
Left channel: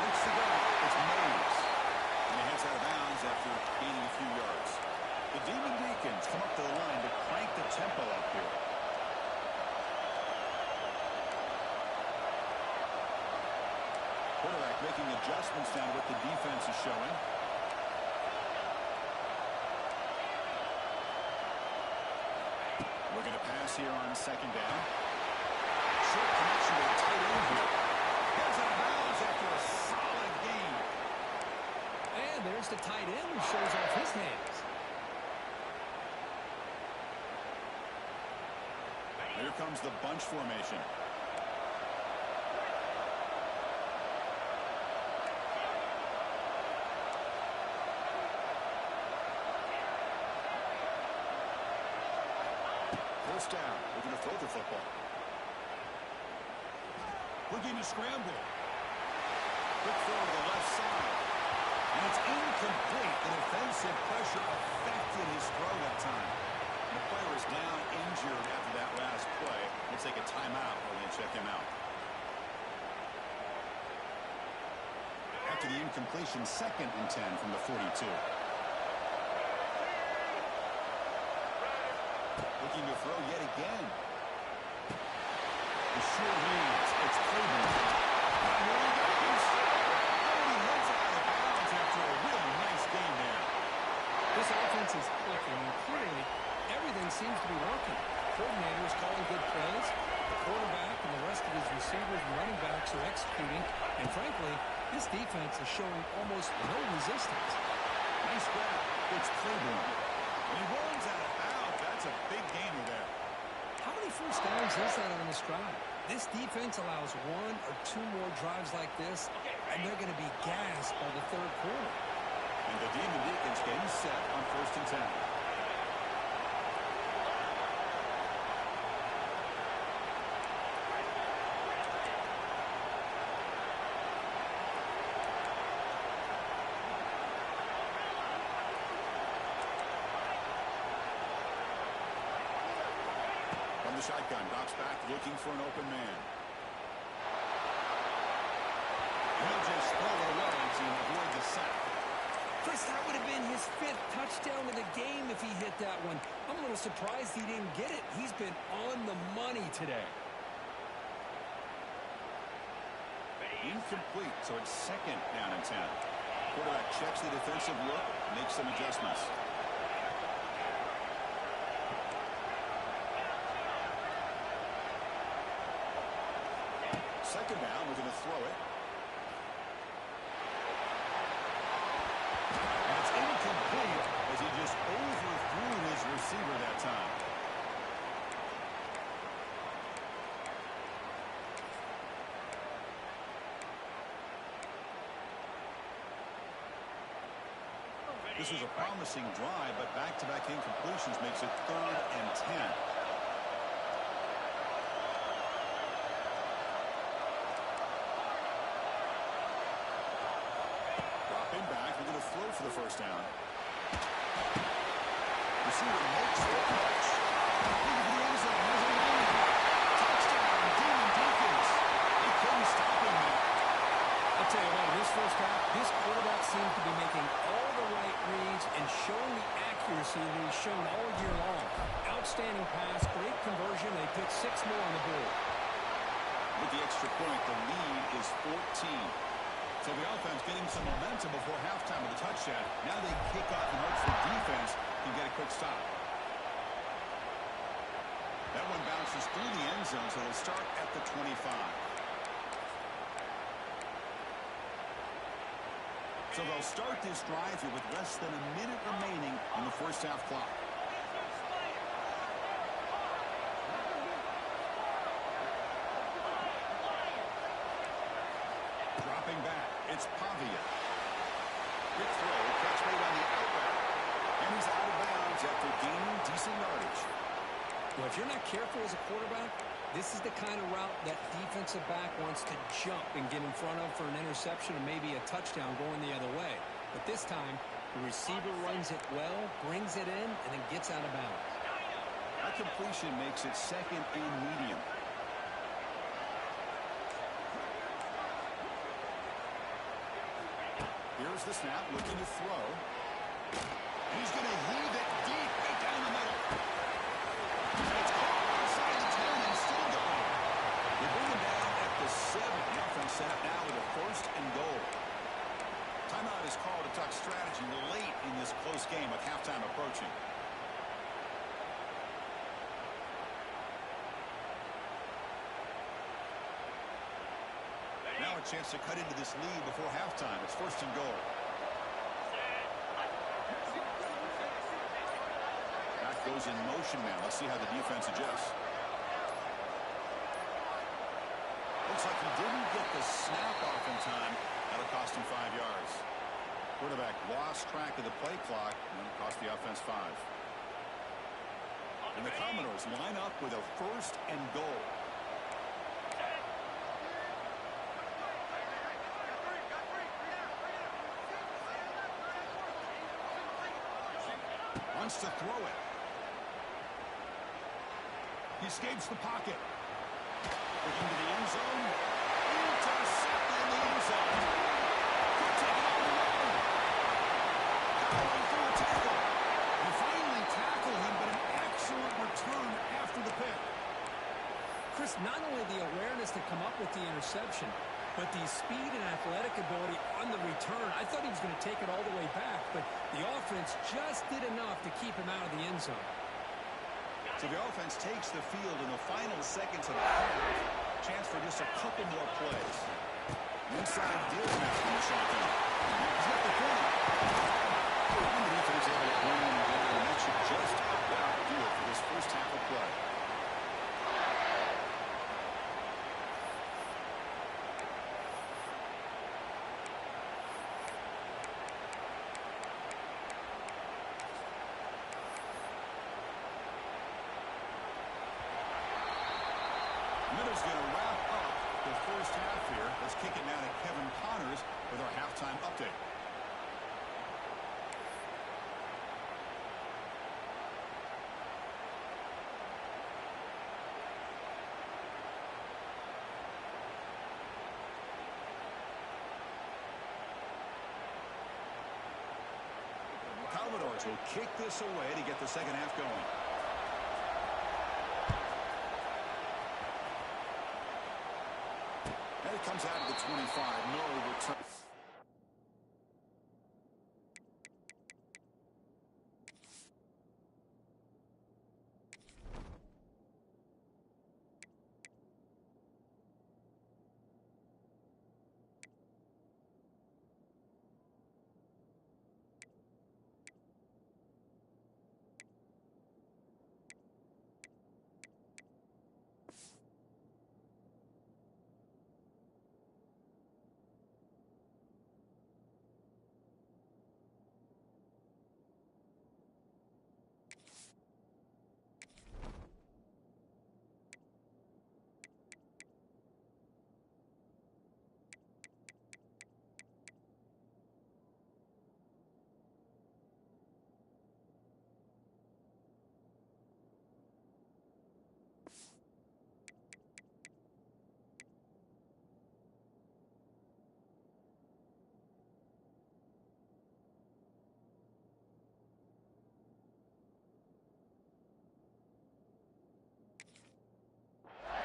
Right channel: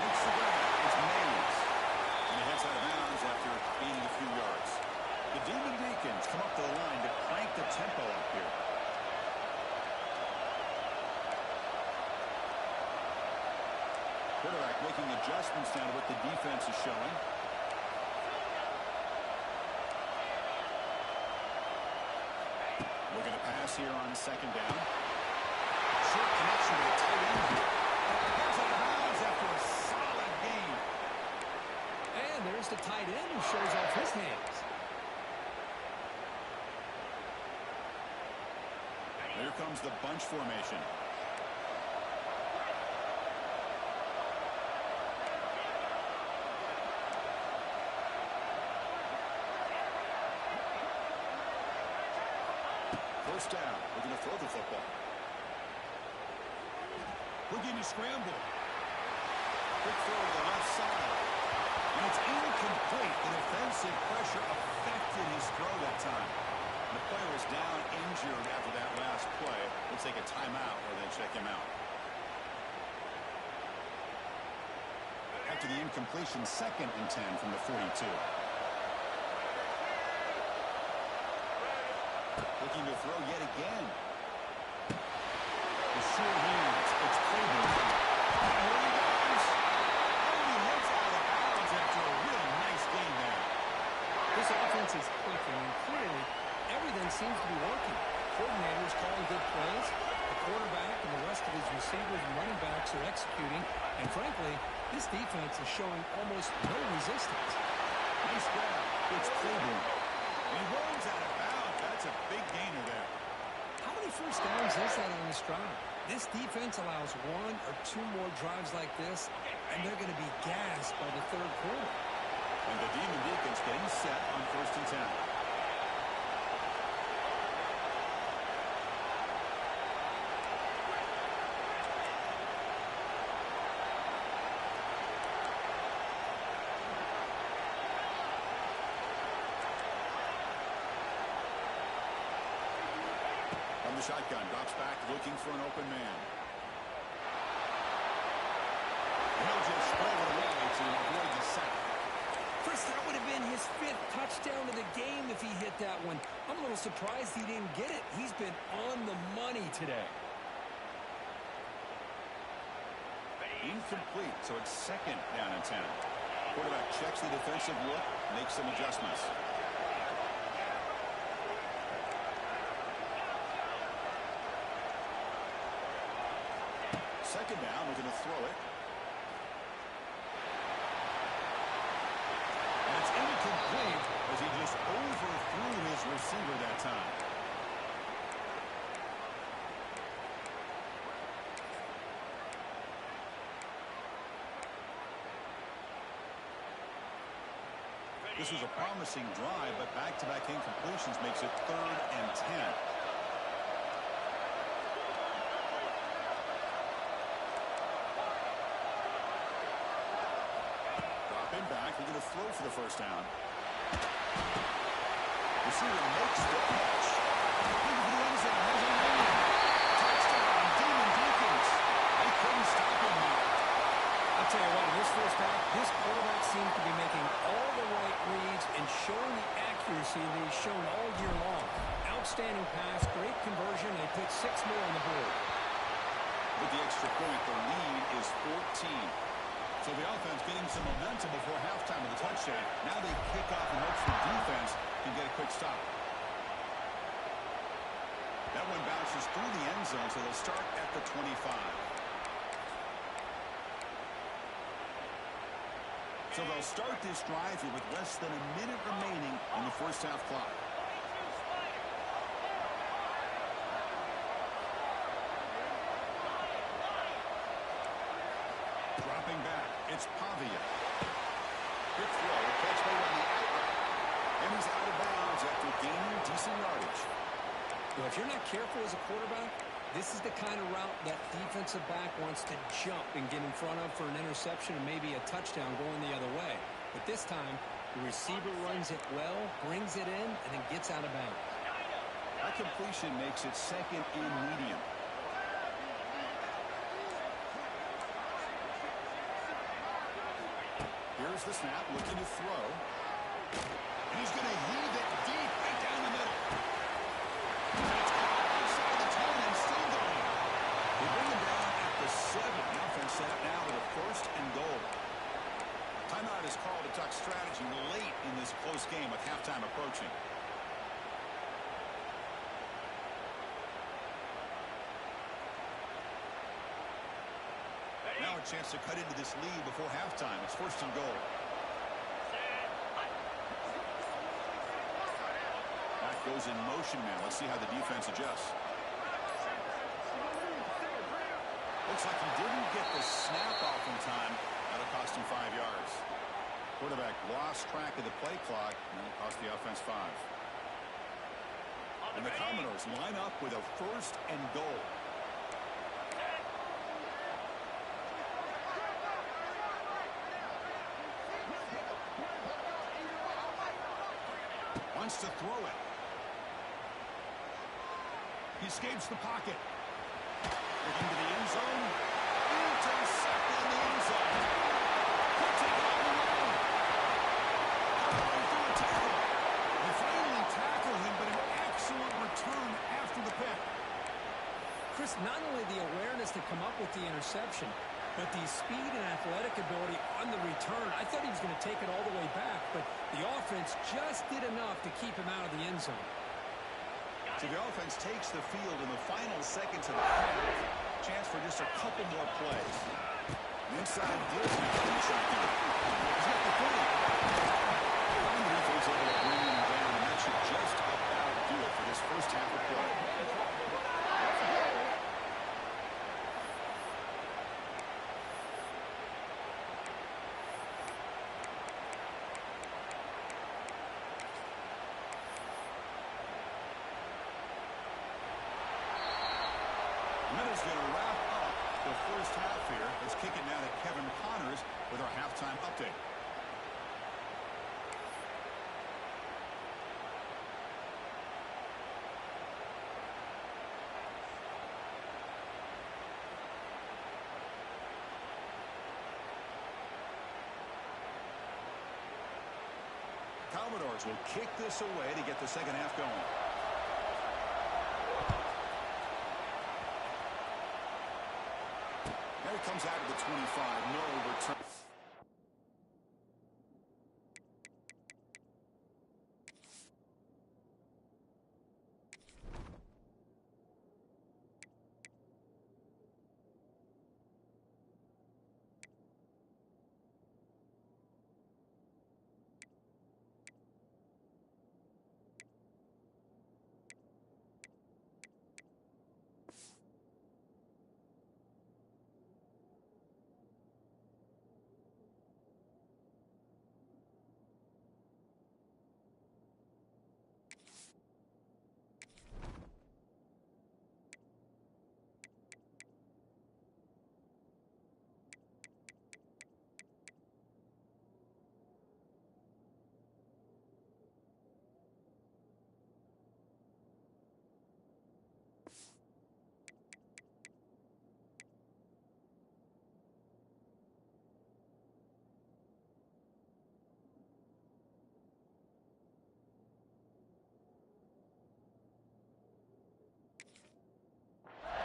Makes the grab. It's Mays. And he heads out of bounds after gaining a few yards. The Demon Deacons come up to the line to crank the tempo up here. Quarterback making adjustments down to what the defense is showing. Looking to pass here on 2nd down. Short connection to the tight end here. Heads out of bounds after a solid gain. And there's the tight end who shows off his hands. Here comes the bunch formation. First down, looking to throw the football. Looking to scramble. Quick throw to the left side. And it's incomplete. The defensive pressure affected his throw that time. And the player is down injured after that last play. We'll take a timeout or they check him out. After the incompletion, 2nd and 10 from the 42. looking to throw yet again. The sure hands. It's Claiborne. Here he goes. Oh, he heads out of bounds after a really nice game there. This offense is clicking, and clearly everything seems to be working. Coordinators calling good plays. The quarterback and the rest of his receivers and running backs are executing. And frankly, this defense is showing almost no resistance. Nice grab. It's Claiborne. He runs out of bounds. That's a big gainer there. How many first downs is that on this drive? This defense allows one or two more drives like this, and they're going to be gassed by the third quarter. And the Demon Deacons getting set on 1st and 10. From the shotgun, drops back looking for an open man. He'll just throw it away to avoid the sack. Chris, that would have been his 5th touchdown of the game if he hit that one. I'm a little surprised he didn't get it. He's been on the money today. Incomplete, so it's 2nd down and 10. Quarterback checks the defensive look, makes some adjustments. Second down, we're going to throw it. And it's incomplete as he just overthrew his receiver that time. This was a promising drive, but back-to-back incompletions makes it 3rd and 10. Dropping back, we're going to throw for the first down. Receiver makes the catch. Looking for the end zone, has a lane. Touchdown, Demon Deacons. They couldn't stop him there. I'll tell you what, in this first half, this quarterback seems to be making all the right reads and showing the accuracy that he's shown all year long. Outstanding pass, great conversion. They put 6 more on the board. With the extra point, the lead is 14. So the offense getting some momentum before halftime with a touchdown. Now they kick off and hope the defense can get a quick stop. That one bounces through the end zone, so they'll start at the 25. So they'll start this drive here with less than a minute remaining on the first half clock. Dropping back, it's Pavia. Quick throw, catch made on the out route. And he's out of bounds after gaining decent yardage. Well, if you're not careful as a quarterback, this is the kind of route that defensive back wants to jump and get in front of for an interception and maybe a touchdown going the other way. But this time, the receiver runs it well, brings it in, and then gets out of bounds. That completion makes it 2nd and medium. Here's the snap, looking to throw. And he's going to heave it deep right down the middle. And it's caught outside the 10 and still going. They bring him down at the 7. The offense set up now with a 1st and goal. Timeout is called to talk strategy late in this close game with halftime approaching. Now a chance to cut into this lead before halftime. It's 1st and goal. Back goes in motion now. Let's see how the defense adjusts. Looks like he didn't get the snap off in time. That'll cost him 5 yards. Quarterback lost track of the play clock, and that'll cost the offense 5. And the Commodores line up with a 1st and goal. Wants to throw it. He escapes the pocket. Looking to the end zone. Intercepted in the end zone. Could take it all the way. Powering through a tackle. They finally tackle him, but an excellent return after the pick. Chris, not only the awareness to come up with the interception, but the speed and athletic ability on the return. I thought he was going to take it all the way back, but the offense just did enough to keep him out of the end zone. So the offense takes the field in the final seconds of the half. Chance for just a couple more plays. Inside deal now from the shotgun. He's got the 40. And the defense able to bring him down, and that should just about do it for this first half of play. And that is going to wrap up the first half here. Let's kick it now to Kevin Connors with our halftime update. Commodores will kick this away to get the second half going. And it comes out of the 25. No return.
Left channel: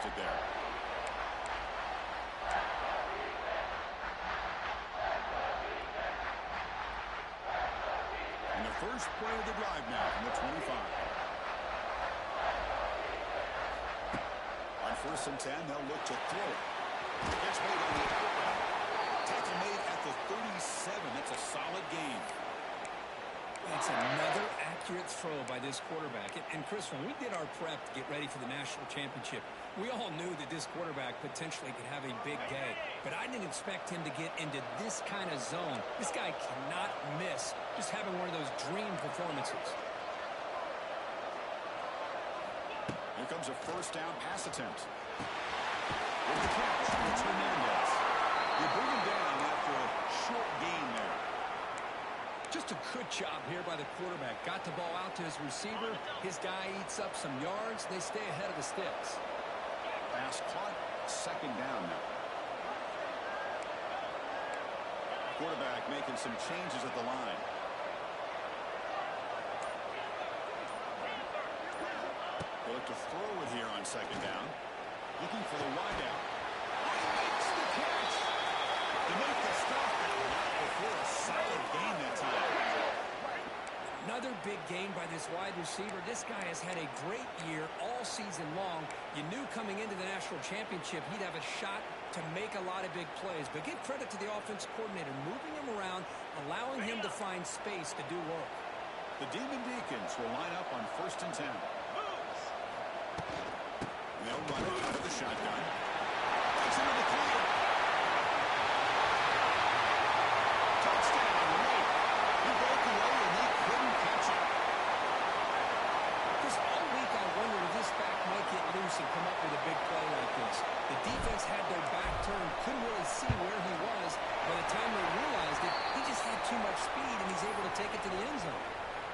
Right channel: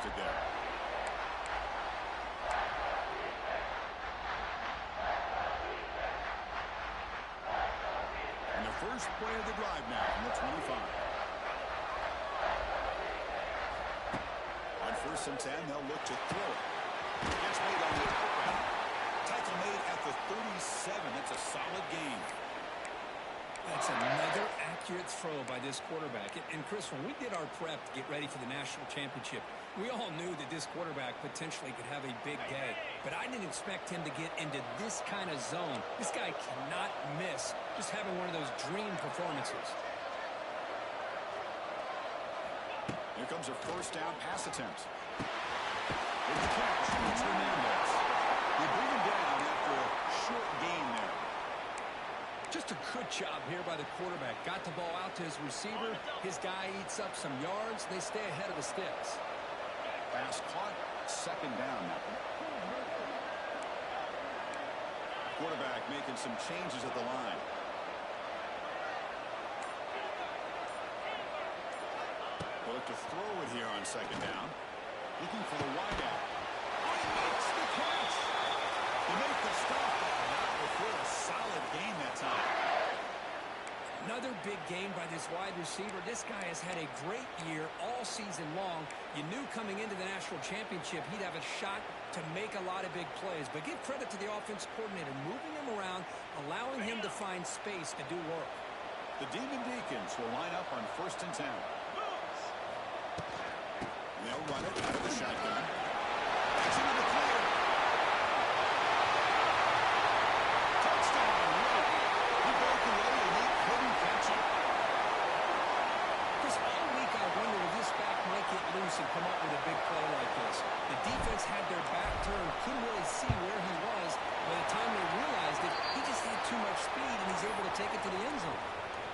It there. And the first play of the drive now from the 25. On 1st and 10, they'll look to throw it. Catch made on the out route. Tackle made at the 37. That's a solid gain. That's another accurate throw by this quarterback. And Chris, when we did our prep to get ready for the national championship, we all knew that this quarterback potentially could have a big day. But I didn't expect him to get into this kind of zone. This guy cannot miss just having one of those dream performances. Here comes a first down pass attempt. With the catch, it's Hernandez. They bring him down after a short gain there. Just a good job here by the quarterback. Got the ball out to his receiver. His guy eats up some yards. They stay ahead of the sticks. Pass caught. Second down now. Quarterback making some changes at the line. They look to throw it here on second down. Looking for the wideout. Oh, he makes the catch. They make the stop, but not before a solid gain that time. Another big gain by this wide receiver. This guy has had a great year all season long. You knew coming into the national championship he'd have a shot to make a lot of big plays. But give credit to the offense coordinator, moving him around, allowing him to find space to do work. The Demon Deacons will line up on 1st and 10. And they'll run it out of the shotgun. That's into the clear. Touchdown, late. He broke away and they couldn't catch it. Chris, all week I wondered if this back might get loose and come up with a big play like this. The defense had their back turned, couldn't really see where he was. By the time they realized it, he just had too much speed, and he's able to take it to the end zone.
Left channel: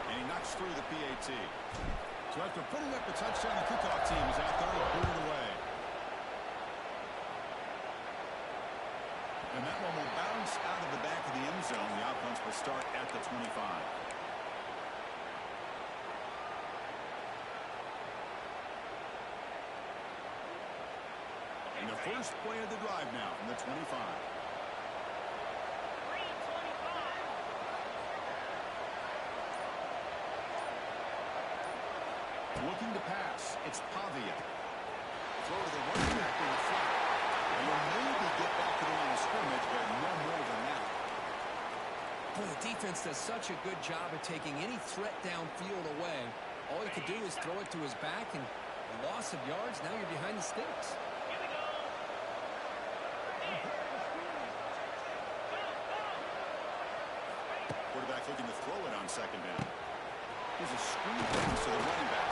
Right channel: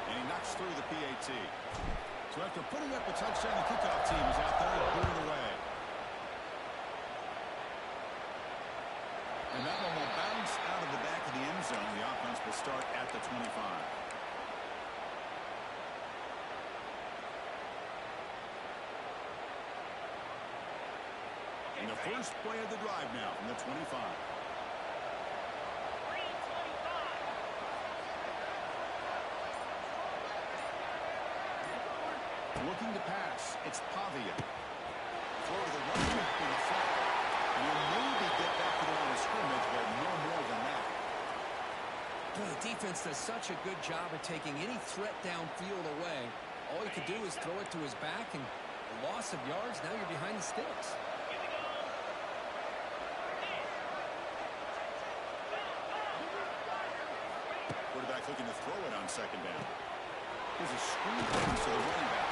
And he knocks through the PAT. So after putting up a touchdown, the kickoff team is out there and put it away. And that one will bounce out of the back of the end zone. The offense will start at the 25. And the first play of the drive now from the 25. 3:25. Looking to pass. It's Pavia. Throw to the running back in the flat. And he'll maybe get back to the line of scrimmage, but no more than that. Well, the defense does such a good job of taking any threat downfield away. All he could do is throw it to his back, and a loss of yards, now you're behind the sticks. Here we go. Quarterback looking to throw it on second down. Here's a screen pass to the running back.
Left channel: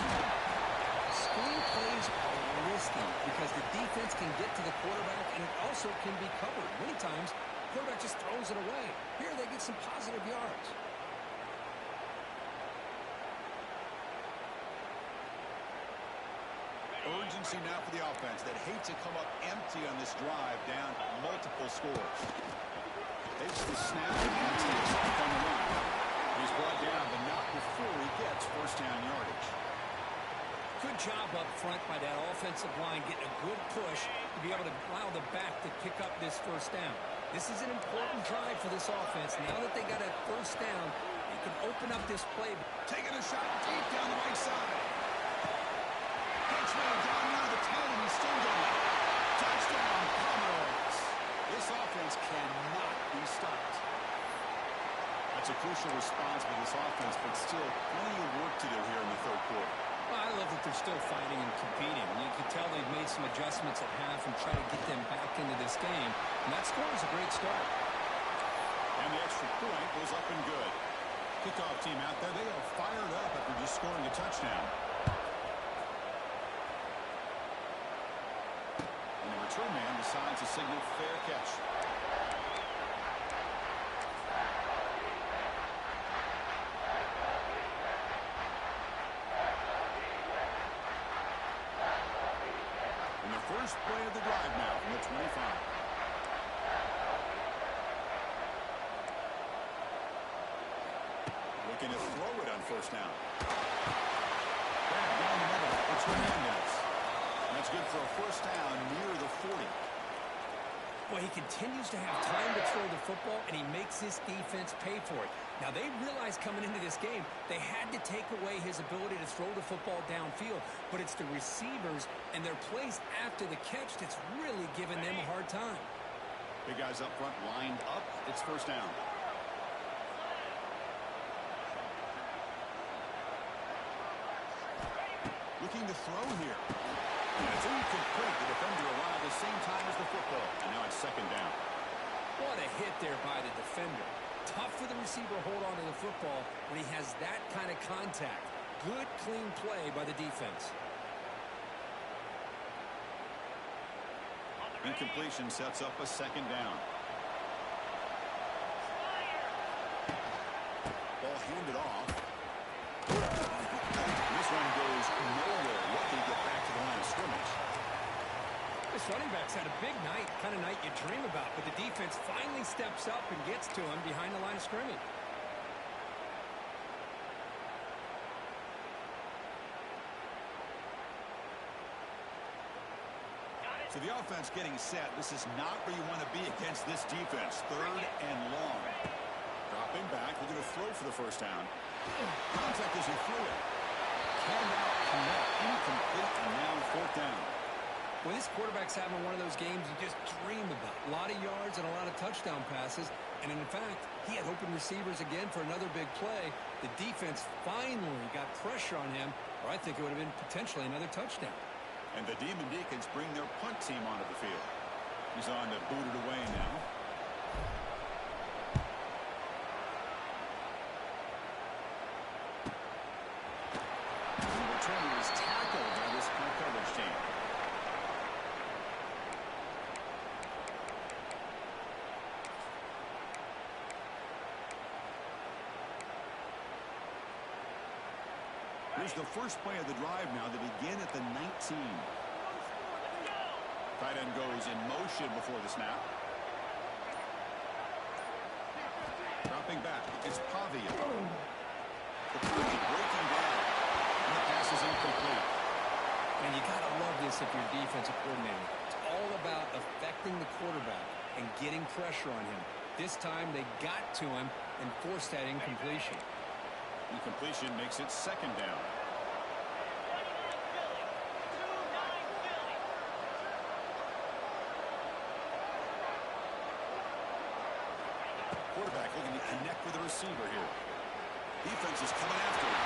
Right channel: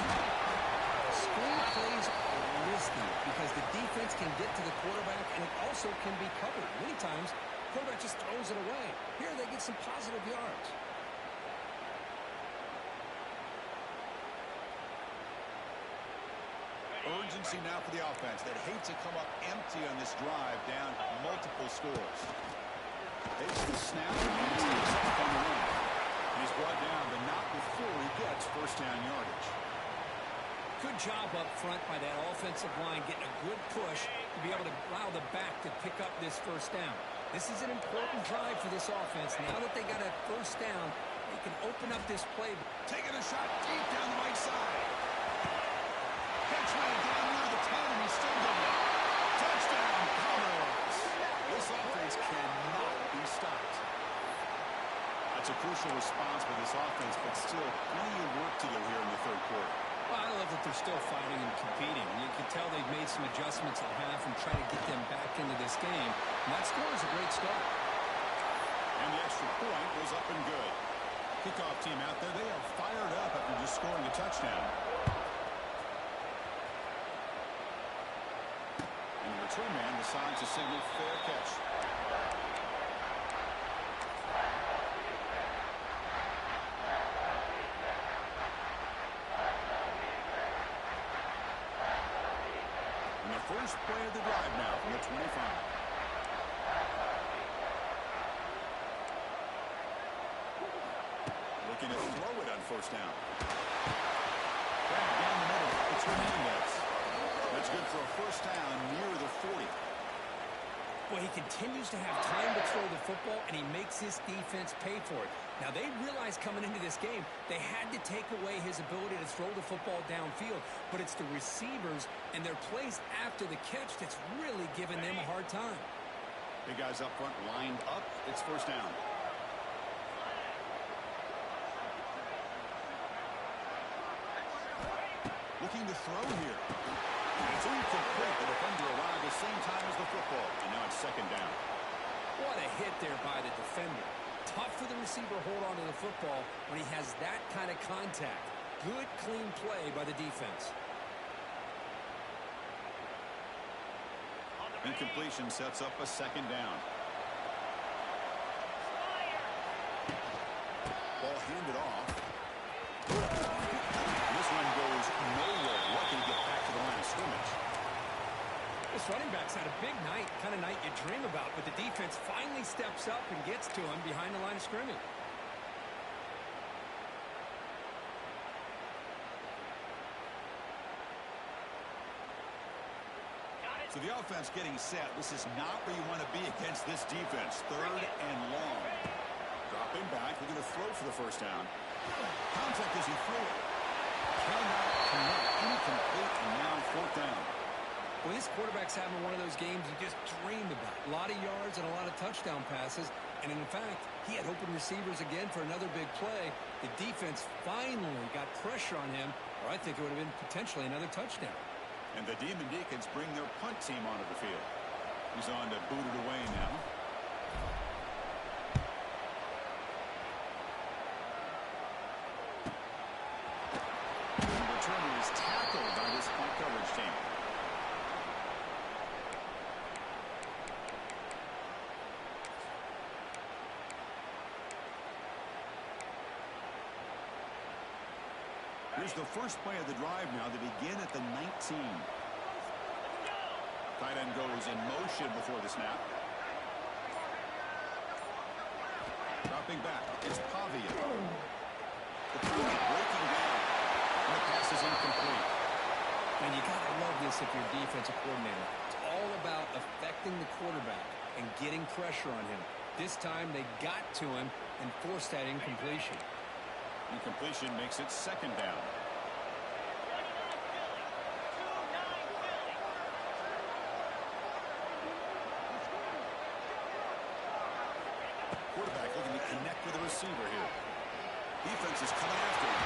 Screen plays are risky because the defense can get to the quarterback, and it also can be covered. Many times, the quarterback just throws it away. Here they get some positive yards. Urgency now for the offense that hate to come up empty on this drive, down multiple scores. Takes the snap and takes off on the run. He's brought down, but not before he gets first down yardage. Good job up front by that offensive line, getting a good push to be able to allow the back to pick up this first down. This is an important drive for this offense. Now that they got a first down, they can open up this play. Taking a shot deep down the right side. Henchman down near the 10, and he's still going. Touchdown, Commodores. This offense cannot be stopped. That's a crucial response by this offense, but still plenty of work to do here in the third quarter. Well, I love that they're still fighting and competing. You can tell they've made some adjustments at half and try to get them back into this game. And that score is a great start. And the extra point was up and good. Kickoff team out there, they are fired up after just scoring a touchdown. And the return man decides to signal fair catch. And the first play of the drive now from the 25. Looking to throw it on first down. Back down the middle. It's Hernandez. That's good for a first down near the 40. Boy, he continues to have time to throw the football, and he makes his defense pay for it. Now, they realized coming into this game they had to take away his ability to throw the football downfield, but it's the receivers and their plays after the catch that's really giving them a hard time. Big guys up front lined up. It's first down. Looking to throw here. And it's incomplete. The defender arrived at the same time as the football. And now it's second down. What a hit there by the defender. Tough for the receiver to hold on to the football when he has that kind of contact. Good, clean play by the defense. Incompletion sets up a second down. Ball handed off. This one goes nowhere. Lucky to get back to the line of scrimmage. This running back's had a big night, kind of night you dream about, but the defense finally steps up and gets to him behind the line of scrimmage. So the offense getting set. This is not where you want to be against this defense. Third and long. Dropping back, looking to throw for the first down. Contact as he threw it. Cannot connect. Incomplete, and now fourth down. Well, this quarterback's having one of those games you just dream about. A lot of yards and a lot of touchdown passes. And in fact, he had open receivers again for another big play. The defense finally got pressure on him, or I think it would have been potentially another touchdown. And the Demon Deacons bring their punt team onto the field. He's on to boot it away now. And the returner is tackled by this punt coverage team. Here's the first play of the drive now. They begin at the 19. Tight end goes in motion before the snap. Dropping back. It's Pavia. The pocket breaking down. And the pass is incomplete. And you got to love this if you're a defensive coordinator. It's all about affecting the quarterback and getting pressure on him. This time they got to him and forced that incompletion. Incompletion makes it second down. 29 Philly. 2-9 Philly. Quarterback looking to connect with the receiver here. Defense is coming after him.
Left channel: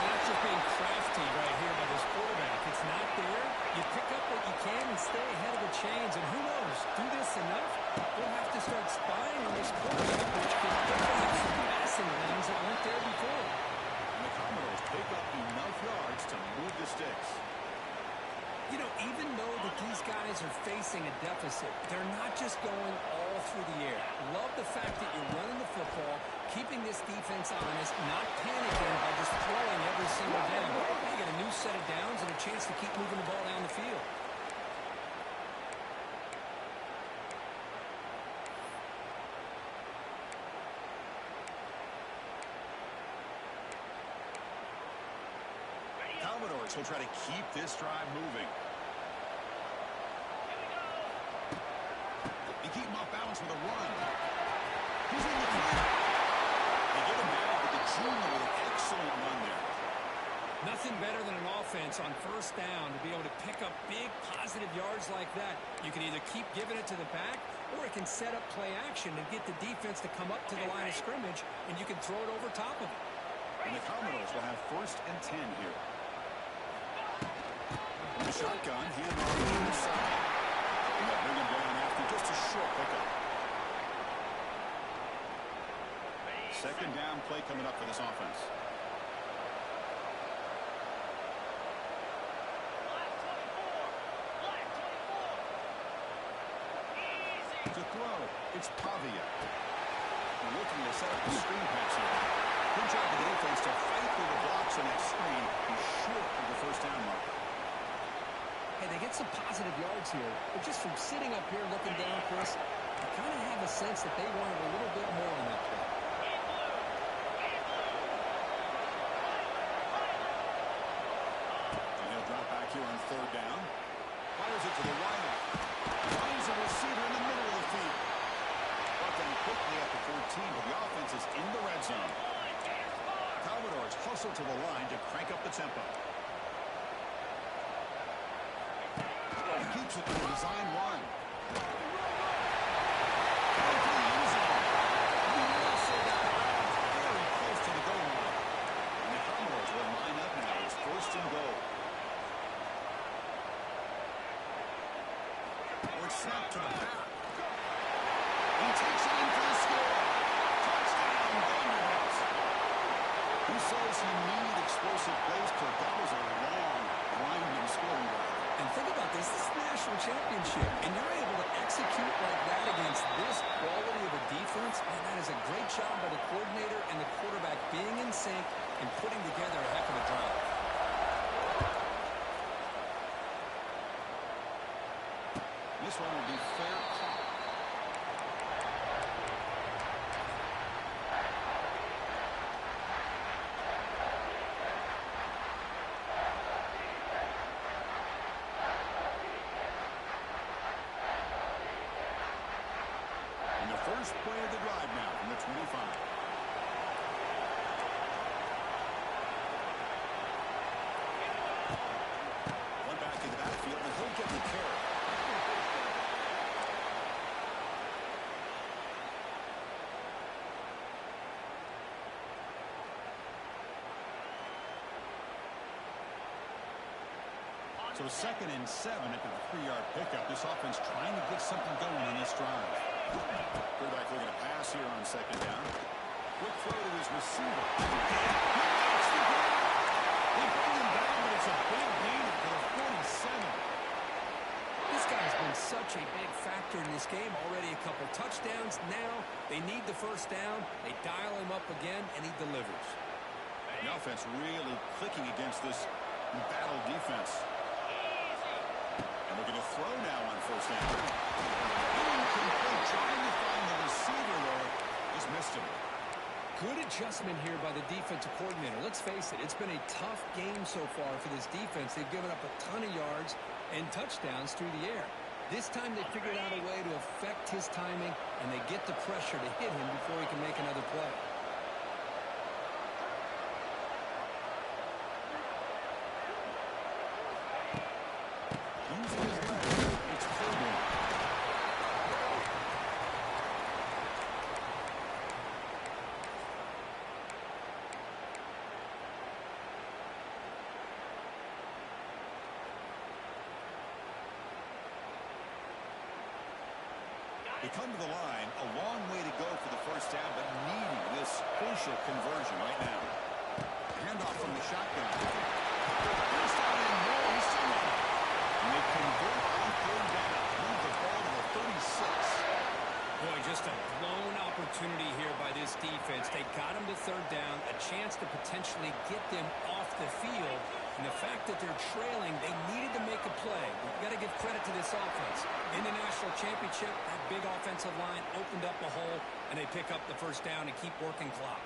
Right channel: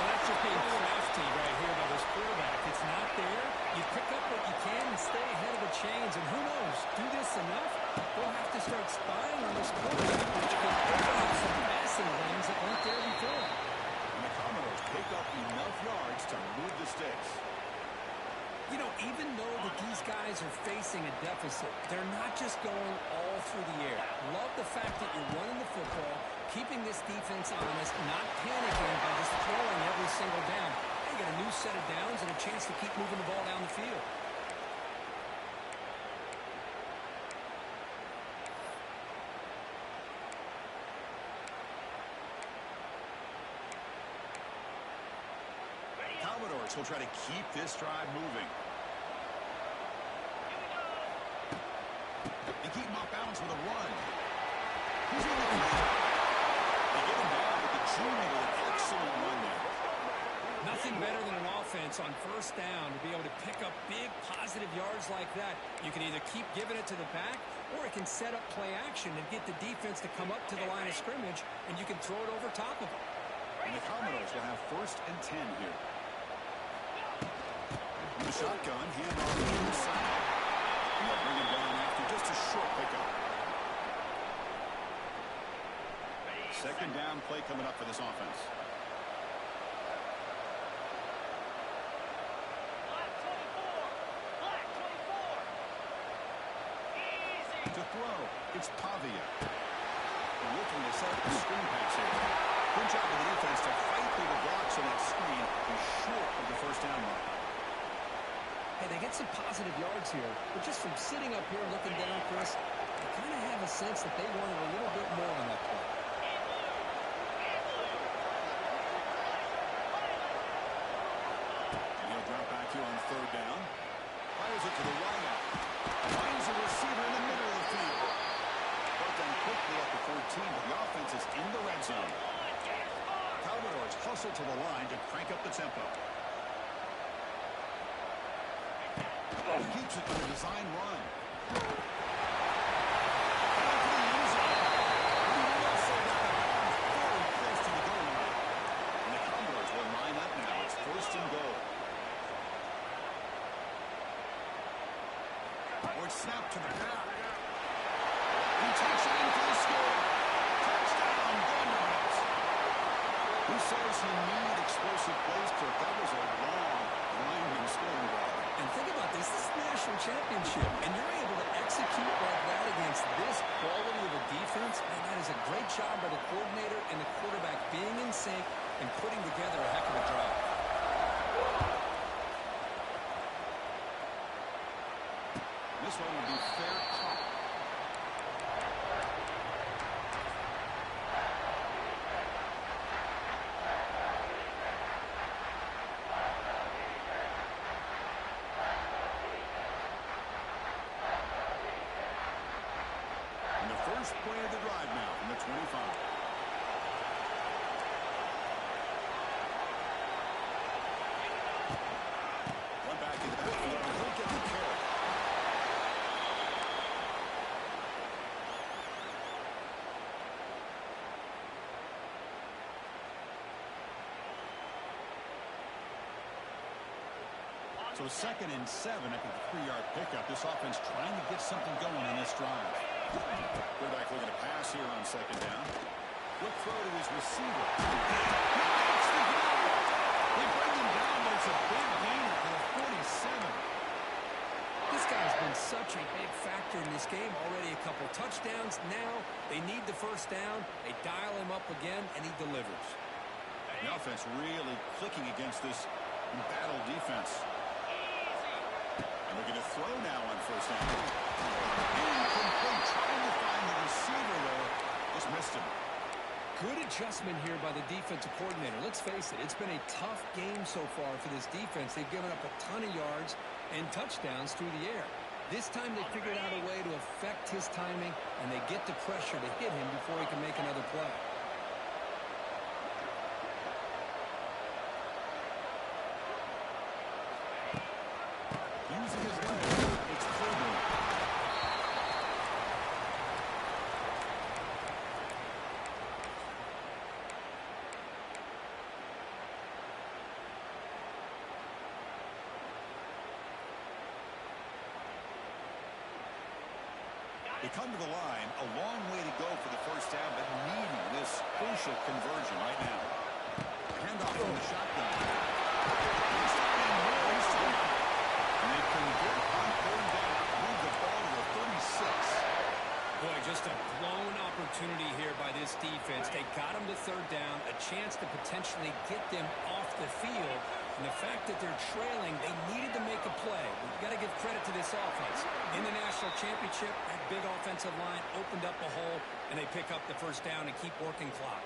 Well, that's just being crafty right here by this quarterback. It's not there. You pick up what you can and stay ahead of the chains. And who knows, do this enough, we'll have to start spying on this quarterback, which could open up some passing lanes that weren't there before. And the Commodores pick up enough yards to move the sticks. You know, even though that these guys are facing a deficit, they're not just going all through the air. Love the fact that you're running the football, keeping this defense honest, not panicking by just throwing every single down. Now you got a new set of downs and a chance to keep moving the ball down the field. Commodores will try to keep this drive moving. Here we go. They keep him off balance with a run. He's in the clear. They get him down, but the junior with an excellent run there. Nothing better than an offense on first down to be able to pick up big positive yards like that. You can either keep giving it to the back, or it can set up play action and get the defense to come up to the line of scrimmage, and you can throw it over top of them. And the Commodores will have 1st and 10 here. From the shotgun, hand off to the inside. And they'll bring him down after just a short pickup. Second down play coming up for this offense. Black 24. Black 24. Easy. To throw, it's Pavia. They're looking to set up the screen pass here. Good job of the defense to fight through the blocks on that screen. He's short of the first down mark. Hey, they get some positive yards here, but just from sitting up here looking down, Chris, I kind of have a sense that they wanted a little bit more on that play. In blue. In blue. And he'll drop back here on 3rd down. Fires it to the wideout. Finds a receiver in the middle of the field. Brought down quickly at the 14, but the offense is in the red zone. Commodores hustle to the line to crank up the tempo. Keeps it to the design run. Back to the end zone. He also got the ball very close to the goal line. And the Commodores will line up now. It's 1st and goal. Or it's snapped to the back. He takes it in for the score. Touchdown, Vanderbilt. Who says you need explosive plays, Kirk? That was a long, grinding scoring drive. And think about this. This is the national championship, and you're able to execute like that against this quality of a defense, and that is a great job by the coordinator and the quarterback being in sync and putting together a heck of a drive. This one will be fair caught. And the first play of the drive now from the 25. One back in the backfield, and he'll get the carry. So 2nd and 7 after the 3-yard pickup. This offense trying to get something going on this drive. Quarterback looking to pass here on 2nd down. Quick throw to his receiver. He makes the grab. They bring him down, but it's a big gainer for the 47. This guy's been such a big factor in this game. Already a couple touchdowns. Now they need the first down. They dial him up again, and he delivers. The offense really clicking against this embattled defense. And looking to throw now on 1st down. Incomplete. Trying to find the receiver there. Just missed him. Good adjustment here by the defensive coordinator. Let's face it, it's been a tough game so far for this defense. They've given up a ton of yards and touchdowns through the air. This time they figured out a way to affect his timing, and they get the pressure to hit him before he can make another play. Using his legs, it's Coburn. They come to the line, a long way to go for the first down, but needing this crucial conversion right now. Handoff from the shotgun. He's down in more. He's still in it. And they convert on third down. Move the ball to the 36. Boy, just a blown opportunity here by this defense. They got him to third down, a chance to potentially get them off the field. And the fact that they're trailing, they needed to make a play. We've got to give credit to this offense. In the national championship, that big offensive line opened up a hole, and they pick up the first down and keep working clock.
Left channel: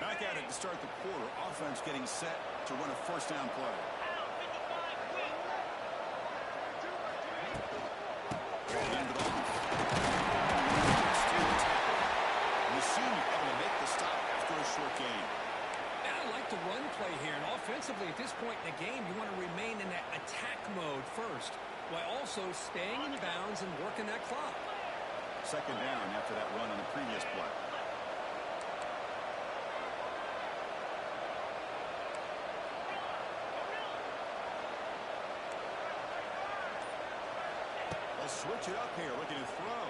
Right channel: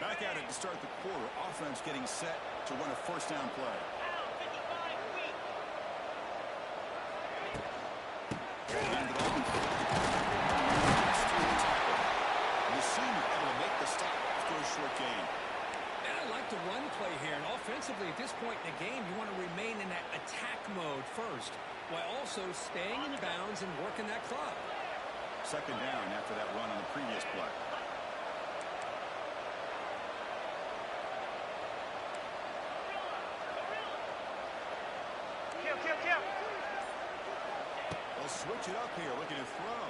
Back at it to start the quarter. Offense getting set to run a first down play. Pound 55 weak. Hand it off. Steer the tackle. And the senior able to make the stop after a short gain. And I like the run play here. And offensively, at this point in the game, you want to remain in that attack mode first, while also staying in bounds and working that clock. Second down after that run on the previous play. Switch it up here, looking to throw.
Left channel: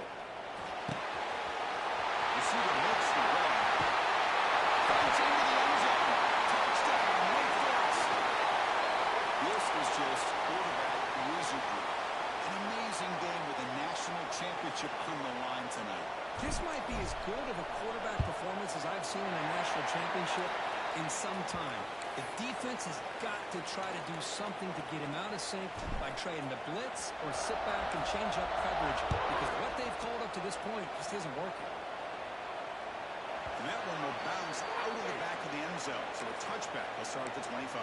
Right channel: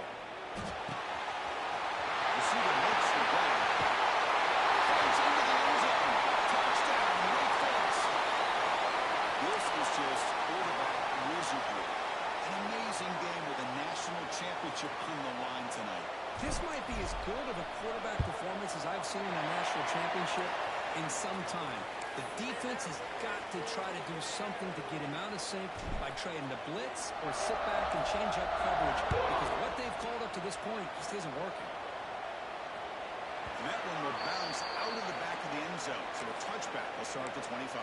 Receiver makes the grab. Finds into the end zone. Touchdown, Wake Forest. This is just quarterback wizardry. An amazing game with a national championship on the line tonight. This might be as good of a quarterback performance as I've seen in a national championship in some time. The defense has got to try to do something to get him out of sync by trying to blitz or sit back and change up coverage, because what they've called up to this point just isn't working. And that one will bounce out of the back of the end zone. So a touchback. They'll start at the 25.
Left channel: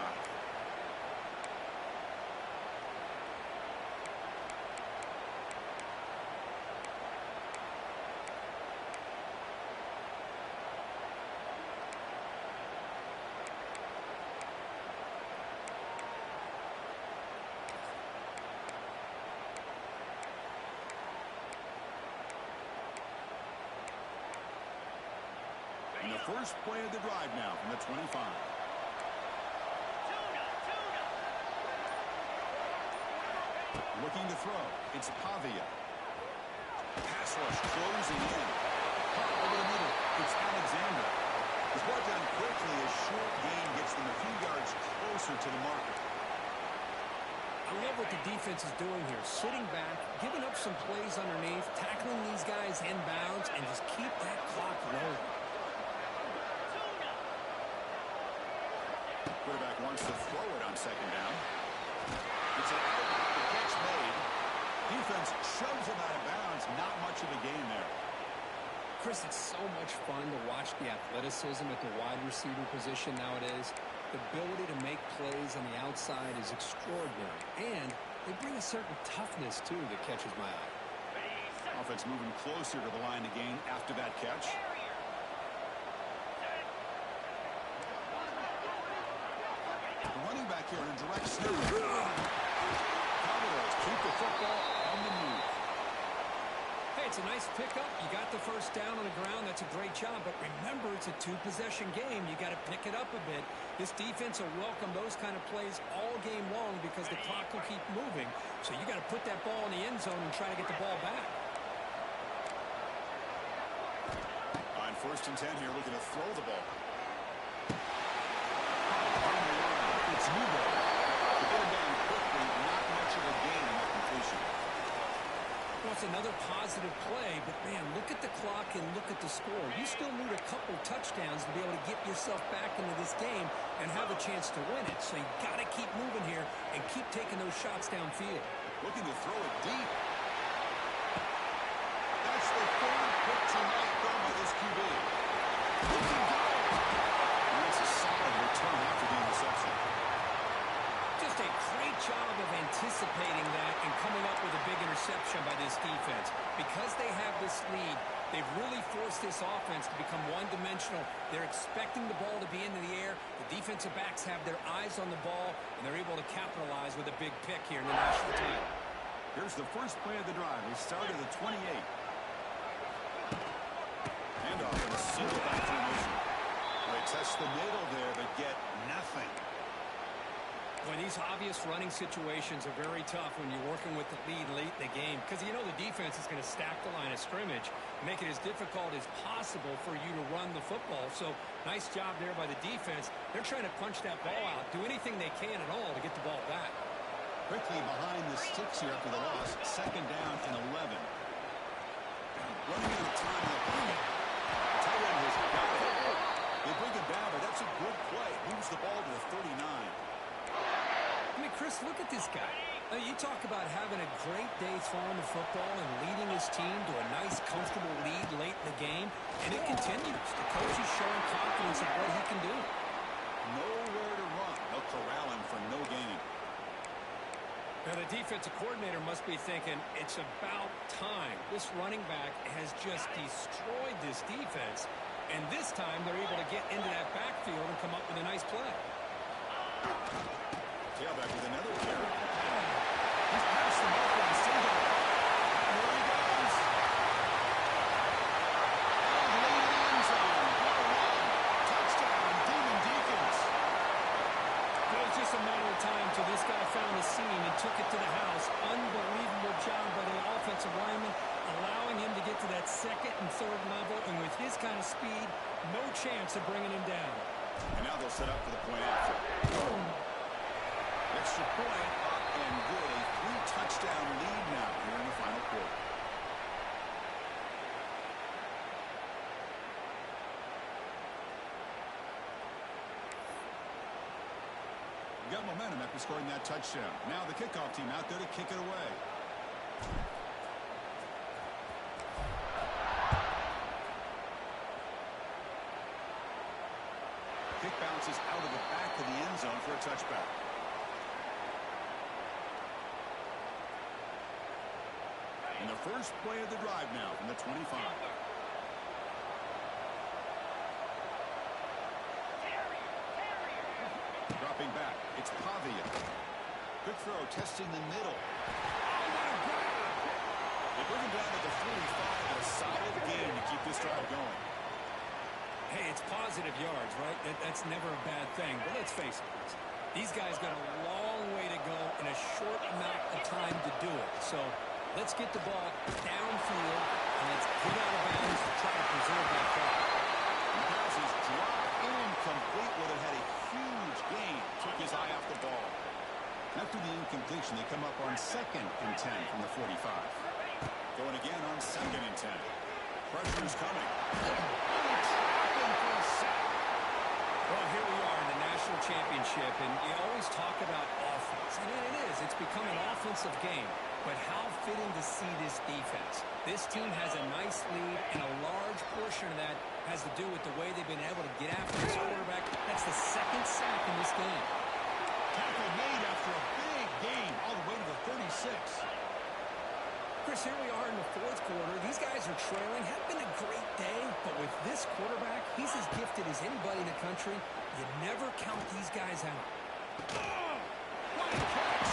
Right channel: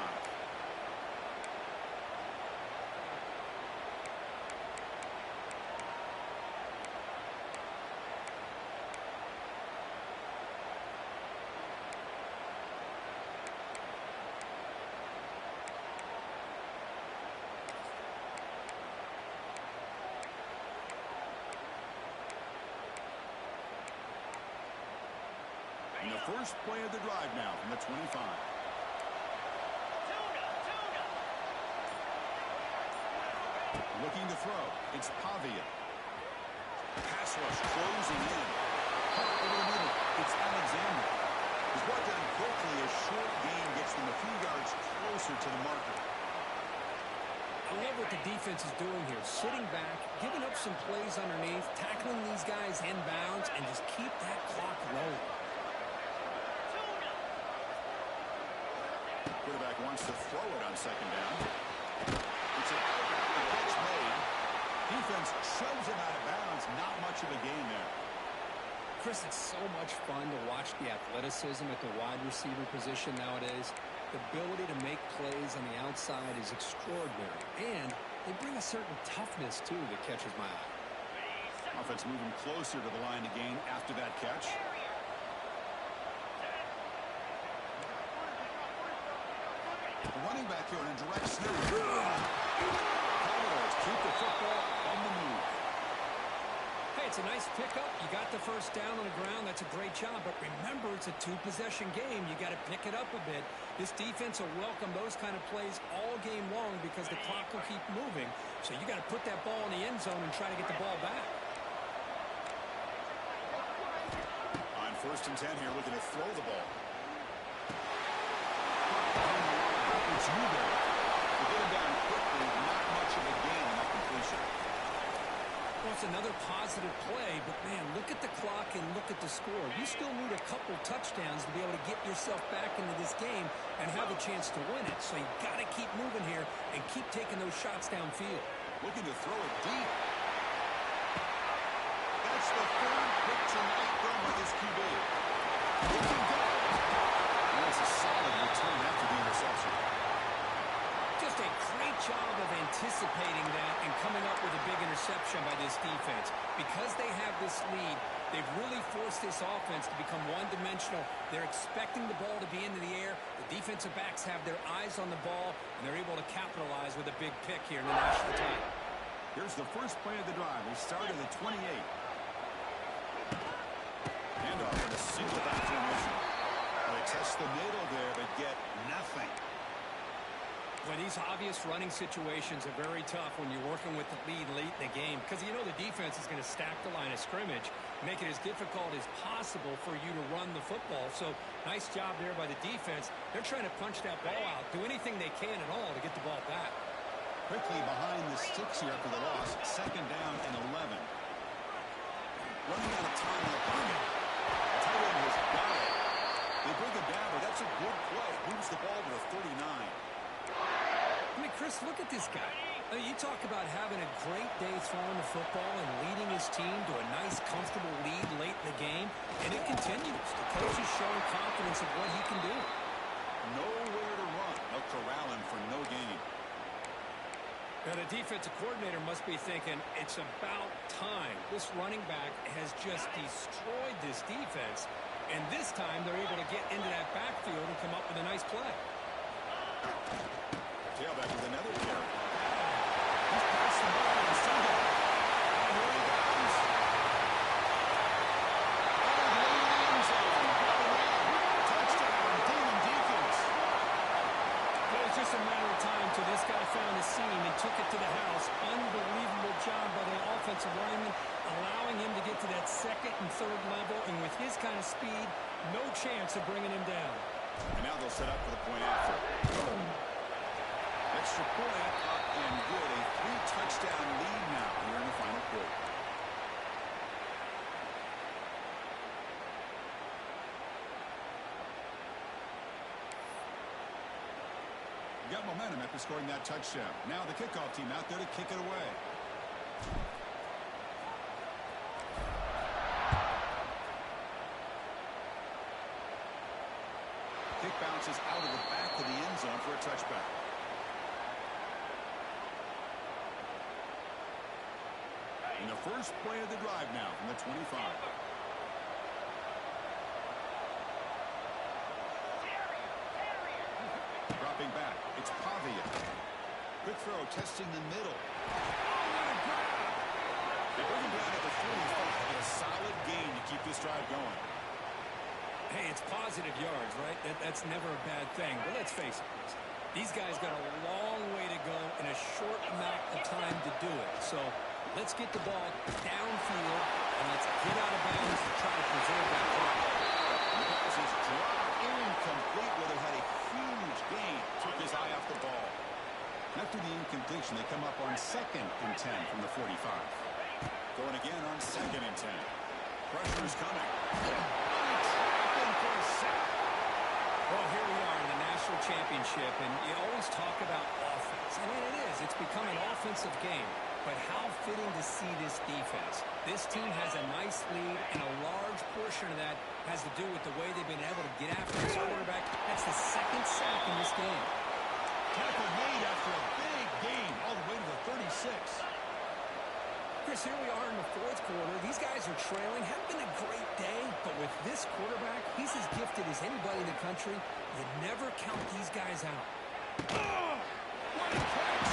And the first play of the drive now from the 25. Tuna. Looking to throw. It's Pavia. Pass rush closing in. Caught over the middle. It's Alexander. He's brought down quickly. A short gain gets them a few yards closer to the marker. I love what the defense is doing here. Sitting back, giving up some plays underneath, tackling these guys in bounds, and just keep that clock rolling. Quarterback wants to throw it on second down. It's an out. The catch made. Defense shoves him out of bounds. Not much of a gain there. Chris, it's so much fun to watch the athleticism at the wide receiver position nowadays. The ability to make plays on the outside is extraordinary. And they bring a certain toughness, too, that catches my eye. Offense moving closer to the line to gain after that catch. The running back here in a direct snap. Commodores keep the football on the move. Hey, it's a nice pickup. You got the first down on the ground. That's a great job. But remember, it's a two-possession game. You got to pick it up a bit. This defense will welcome those kind of plays all game long because the clock will keep moving. So you got to put that ball in the end zone and try to get the ball back. On first and 10 here, looking to throw the ball. It's Newberry. To get him down quickly, not much of a gain on that completion. Well, it's another positive play, but, man, look at the clock and look at the score. You still need a couple touchdowns to be able to get yourself back into this game and have a chance to win it. So you got to keep moving here and keep taking those shots downfield. Looking to throw it deep. That's the third pick tonight thrown by this QB. He can go. And that's a solid return after the interception. Just a great job of anticipating that and coming up with a big interception by this defense. Because they have this lead, they've really forced this offense to become one-dimensional. They're expecting the ball to be into the air. The defensive backs have their eyes on the ball, and they're able to capitalize with a big pick here in the national title. Here's the first play of the drive. They start at the 28. Handoff with a single back formation. They test the middle there, but get nothing. Well, these obvious running situations are very tough when you're working with the lead late in the game because you know the defense is going to stack the line of scrimmage, make it as difficult as possible for you to run the football. So nice job there by the defense. They're trying to punch that ball out, do anything they can at all to get the ball back. Quickly behind the sticks here after the loss. Second down and 11. Running out of time in the pocket. The tight end has got it. They bring him down, but that's a good play. Moves the ball to the 39. I mean, Chris, look at this guy. I mean, you talk about having a great day throwing the football and leading his team to a nice, comfortable lead late in the game, and it continues. The coach is showing confidence of what he can do. Nowhere to run. They'll corral him for no gain. Now, the defensive coordinator must be thinking, it's about time. This running back has just destroyed this defense, and this time they're able to get into that backfield and come up with a nice play. Tailback with another carry. He's past the marker and single. And here he goes. And late in the end zone. What a run. Touchdown, Demon Deacons. It was just a matter of time till this guy found a seam and took it to the house. Unbelievable job by the offensive lineman, allowing him to get to that second and third level. And with his kind of speed, no chance of bringing him down. And now they'll set up for the point after. Extra point up and good. A 3-touchdown lead now here in the final quarter. Got momentum after scoring that touchdown. Now the kickoff team out there to kick it away. Kick bounces out of the back of the end zone for a touchback. And the first play of the drive now from the 25. Dropping back, it's Pavia. Quick throw, testing the middle. Oh, what a grab! They bring him down at the 45, but a solid gain to keep this drive going. Hey, it's positive yards, right? That's never a bad thing. But let's face it, Chris. These guys got a long way to go in a short amount of time to do it. So let's get the ball downfield, and let's get out of bounds to try to preserve that clock. The pass is dropped incomplete. Well, it had a huge gain. Took his eye off the ball. After the incompletion, they come up on 2nd and 10 from the 45. Going again on 2nd and 10. Pressure's coming. Trapping for a sack. Well, here we are in the national championship, and you always talk about offense. And it is. It's become an offensive game. But how fitting to see this defense. This team has a nice lead, and a large portion of that has to do with the way they've been able to get after this quarterback. That's the 2nd sack in this game. Tackle made after a big gain all the way to the 36. Chris, here we are in the 4th quarter. These guys are trailing. Haven't been a great day, but with this quarterback, he's as gifted as anybody in the country. You never count these guys out. Oh, what a catch!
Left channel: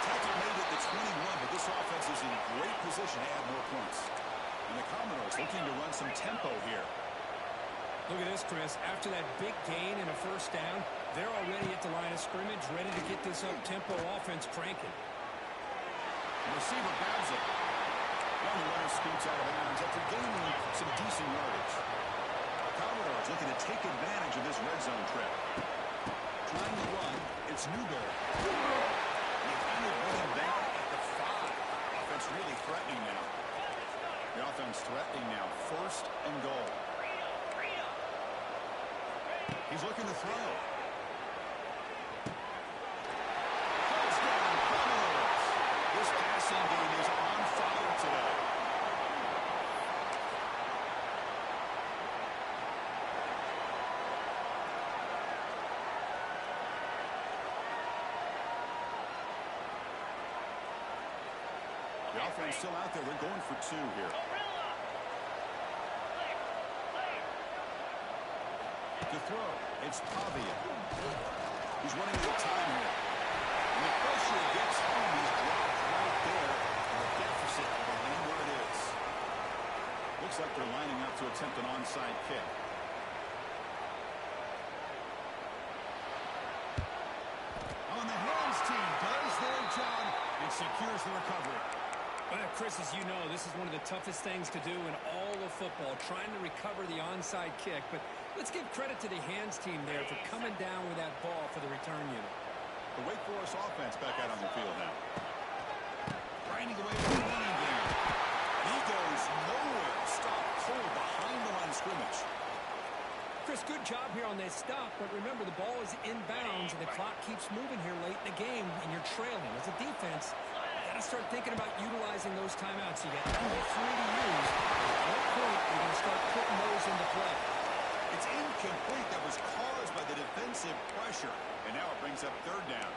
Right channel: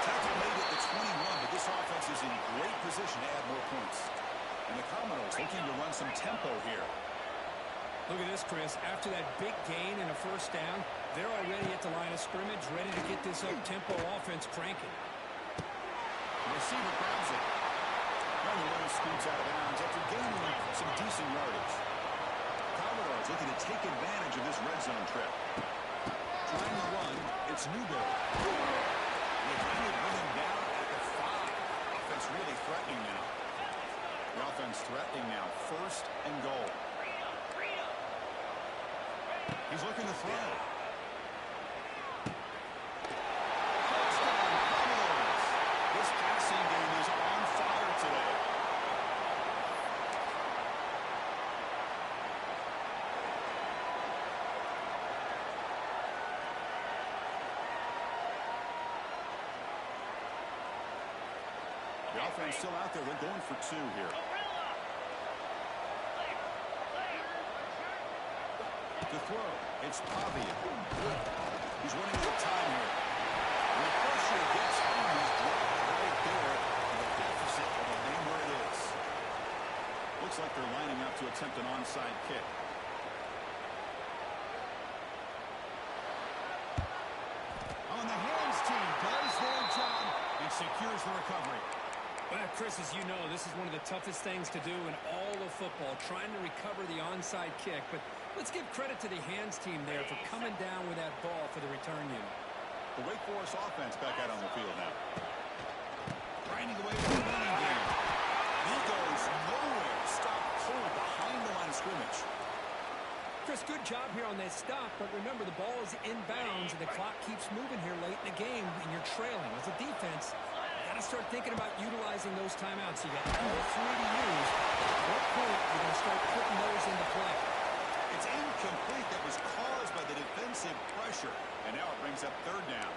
Tackle made at the 21, but this offense is in great position to add more points. And the Commodores looking to run some tempo here. Look at this, Chris. After that big gain and a first down, they're already at the line of scrimmage, ready to get this up-tempo offense cranking. The receiver grabs it. Now the runner scoots out of bounds after gaining some decent yardage. Commodores looking to take advantage of this red zone trip. Trying to run, it's Newberry. They finally bring him down at the 5. Offense offense really threatening now. The offense threatening now. 1st and goal. He's looking to throw. Touchdown, Commodores. This passing game is on fire today. The offense still out there. They're going for 2 here. To throw, it's Pavia. He's running out of time here. When the pressure gets home, he's dropped right there, and the deficit will remain where it is. Looks like they're lining up to attempt an onside kick. On the hands team does their job and secures the recovery. Well, Chris, as you know, this is one of the toughest things to do in all of football, trying to recover the onside kick. But let's give credit to the hands team there for coming down with that ball for the return unit. The Wake Forest offense back out on the field now. Grinding away from the running game. He goes nowhere. Stop cold behind the line of scrimmage. Chris, good job here on that stop, but remember, the ball is inbounds, and the clock keeps moving here late in the game, and you're trailing. As a defense, you got to start thinking about utilizing those timeouts. You got all 3 to use. At what point are you going to start putting those into play? It's incomplete. That was caused by the defensive pressure, and now it brings up 3rd down.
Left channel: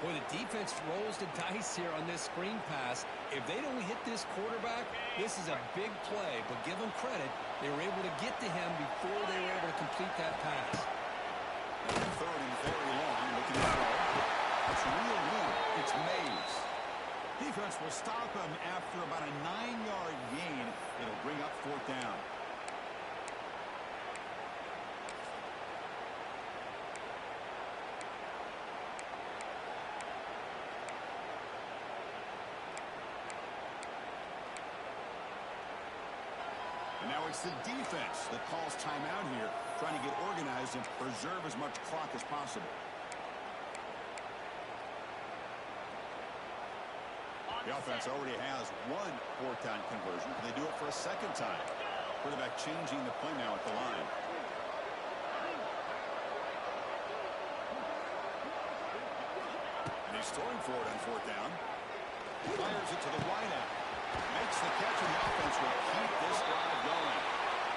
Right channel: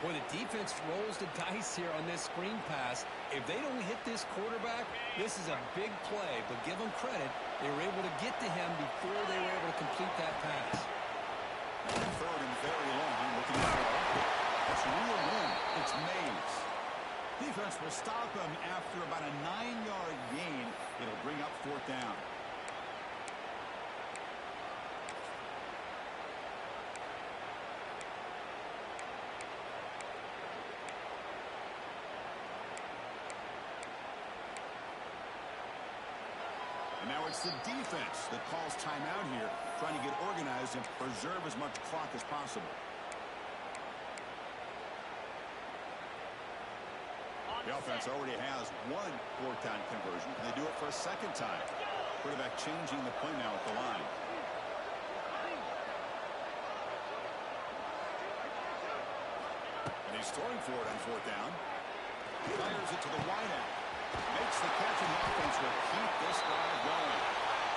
Boy, the defense rolls the dice here on this screen pass. If they don't hit this quarterback, this is a big play. But give them credit. They were able to get to him before they were able to complete that pass. 3rd and very long. Looking to throw. That's a real win. It's Mays. Defense will stop him after about a 9-yard gain. It'll bring up 4th down. And now it's the defense that calls timeout here, trying to get organized and preserve as much clock as possible. The offense already has 1 4th down conversion. Can they do it for a 2nd time? Quarterback changing the play now at the line. And he's throwing for it on 4th down. Fires it to the wideout. Makes the catch, and the offense will keep this drive going.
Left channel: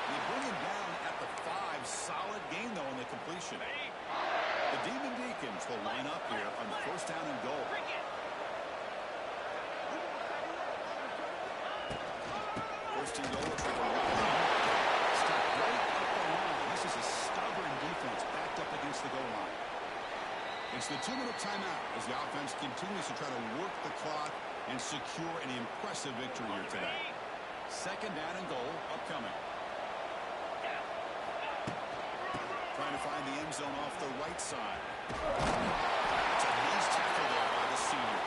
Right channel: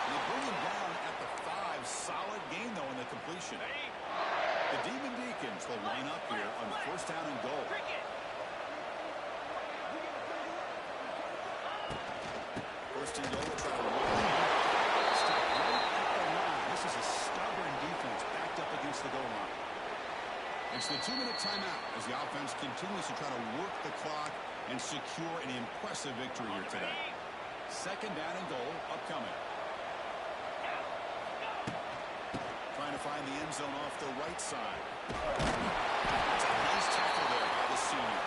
They bring him down at the 5. Solid gain, though, in the completion. The Demon Deacons will line up here on 1st down and goal. 1st and goal. Try to run it. Stop right up the line. This is a stubborn defense backed up against the goal line. It's the 2-minute timeout as the offense continues to try to work the clock and secure an impressive victory here today. 2nd down and goal upcoming. Trying to find the end zone off the right side. That's a nice tackle there by the senior.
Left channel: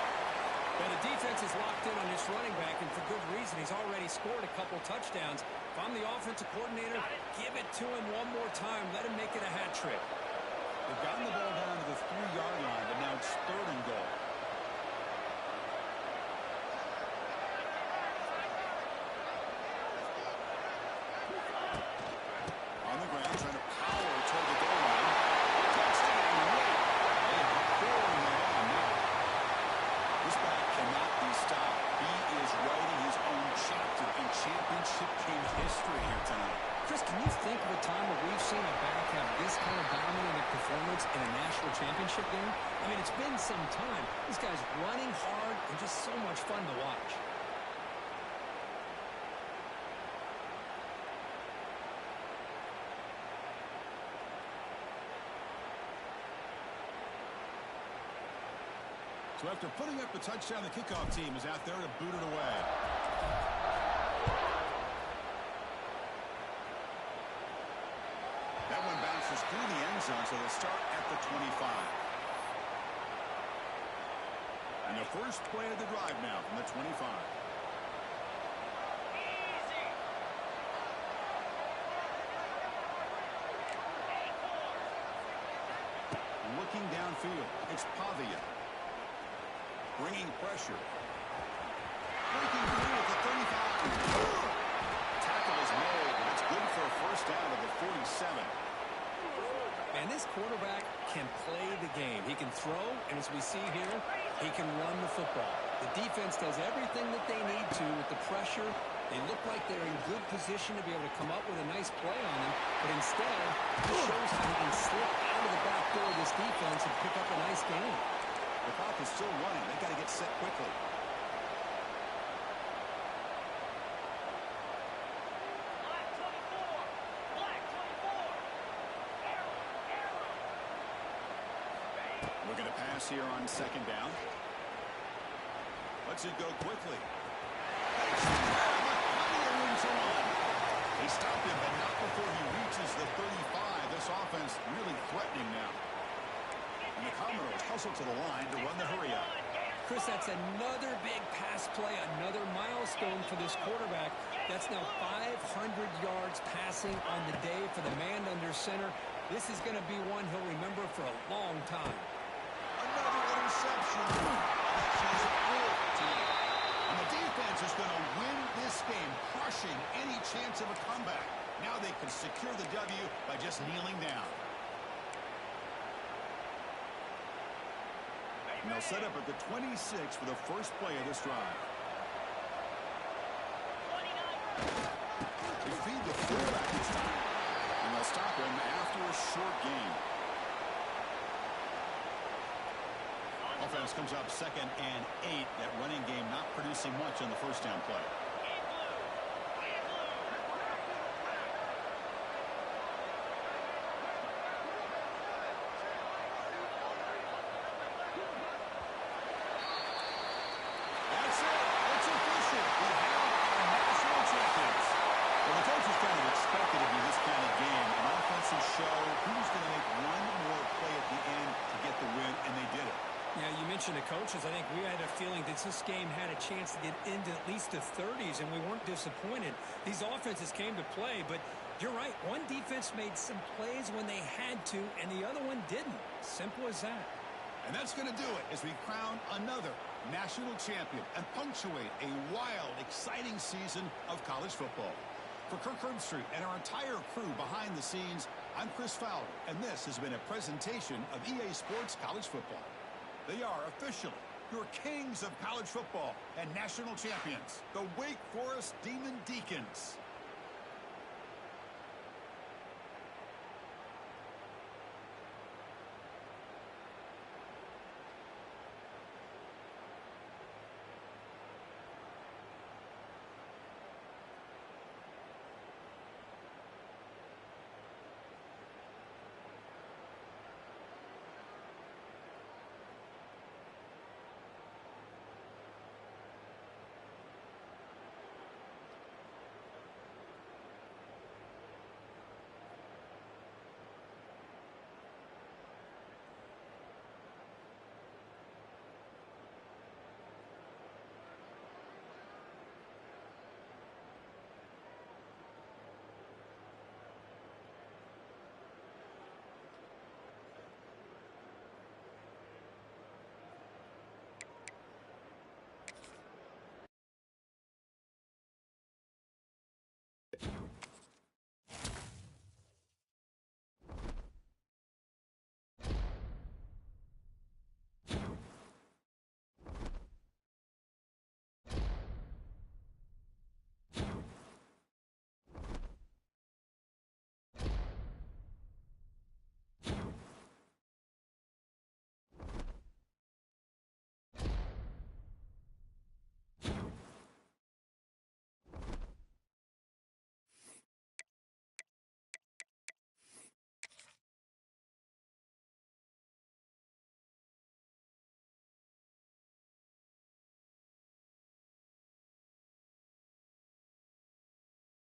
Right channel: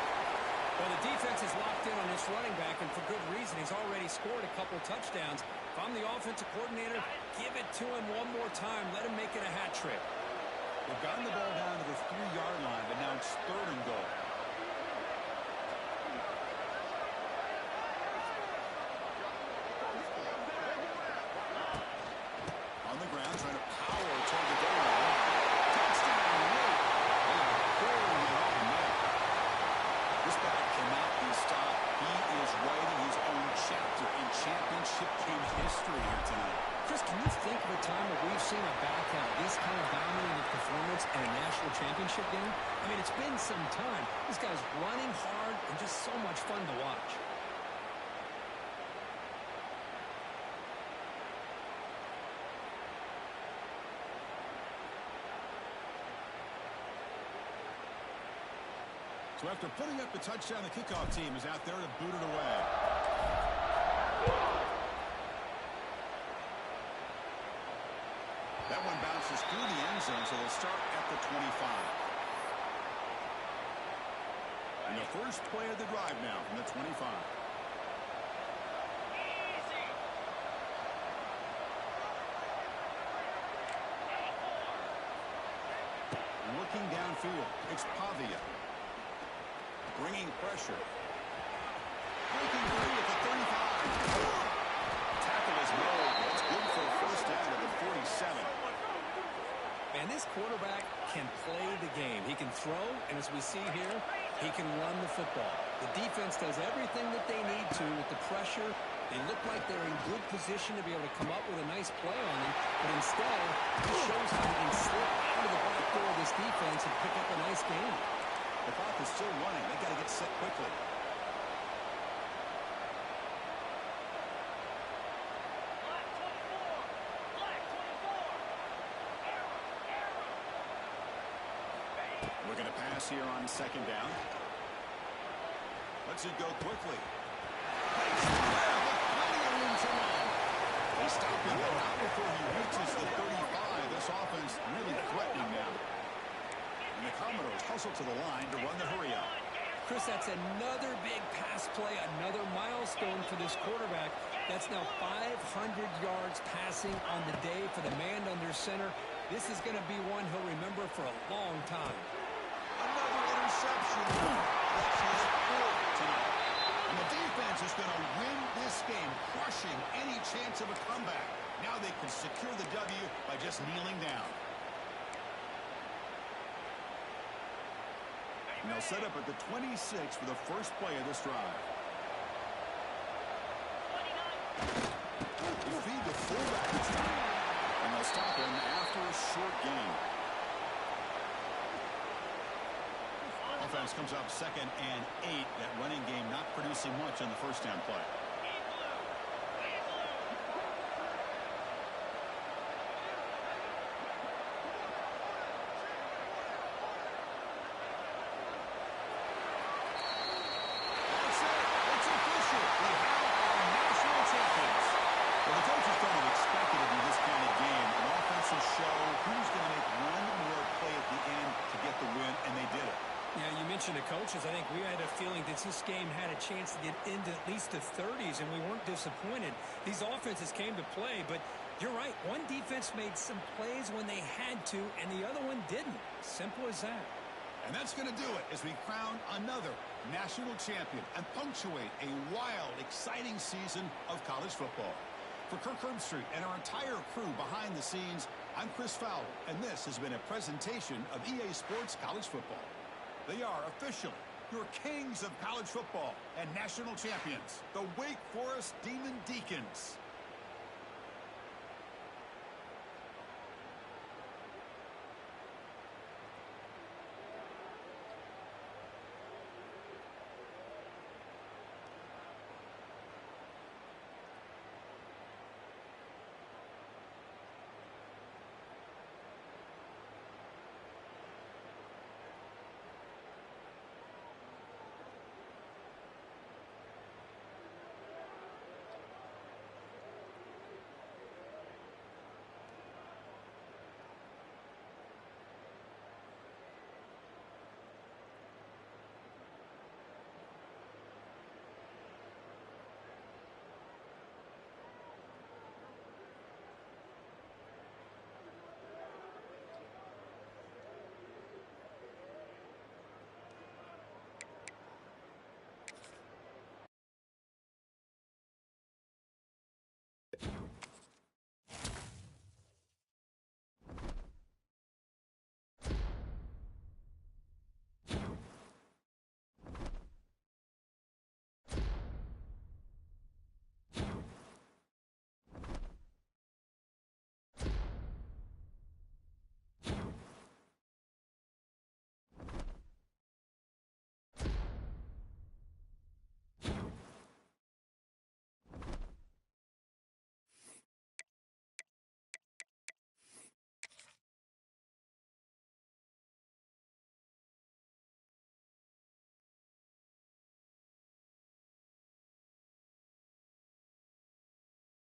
Well, the defense is locked in on this running back, and for good reason. He's already scored a couple touchdowns. If I'm the offensive coordinator, give it to him one more time. Let him make it a hat trick. They've gotten the ball down to the 3-yard line, but now it's 3rd and goal. On the ground, trying to power toward the goal line. Touchdown, Wake. They are pouring it on now. This back cannot be stopped. He is writing his own chapter in championship game history here tonight. Chris, can you think of a time where we've seen a back have this kind of dominating performance in a national championship game? I mean, it's been some time. This guy's running hard and just so much fun to watch. So after putting up the touchdown, the kickoff team is out there to boot it away. That one bounces through the end zone, so they'll start at the 25. And the first play of the drive now from the 25. Looking downfield, it's Pavia. Bringing pressure. breaking free at the 35. Tackle is made. That's good for a first down to the 47. And this quarterback can play the game. He can throw, and as we see here, he can run the football. The defense does everything that they need to with the pressure. They look like they're in good position to be able to come up with a nice play on him, but instead, it shows how he can slip out of the back door of this defense and pick up a nice gain. The clock is still running. They got to get set quickly. Black 24. Black 24. Arrow. We're going to pass here on second down. Lets it go quickly. Makes the grab, but plenty of room to run. They stop him, but not before he reaches the 35. This offense really threatening now. And the Commodores hustle to the line to run the hurry-up. Chris, that's another big pass play, another milestone for this quarterback. That's now 500 yards passing on the day for the man under center. This is going to be one he'll remember for a long time. Another interception. That's his fourth tonight. And the defense is going to win this game, crushing any chance of a comeback. Now they can secure the W by just kneeling down. And they'll set up at the 26 for the first play of this drive. 29. They feed the fullback this time. And they'll stop him after a short gain. Offense comes up 2nd and 8. That running game not producing much on the first down play. In blue. In blue. That's it. It's official. We have our national champions. Well, the coaches kind of expected it to be this kind of game. An offensive show. Who's going to make one more play at the end to get the win, and they did it. Yeah, you mentioned the coaches. I think we had a feeling that this game had a chance to get into at least the 30s, and we weren't disappointed. These offenses came to play, but you're right. One defense made some plays when they had to, and the other one didn't. Simple as that. And that's going to do it as we crown another national champion and punctuate a wild, exciting season of college football. For Kirk Herbstreit and our entire crew behind the scenes, I'm Chris Fowler, and this has been a presentation of EA Sports College Football. They are officially your kings of college football and national champions, the Wake Forest Demon Deacons.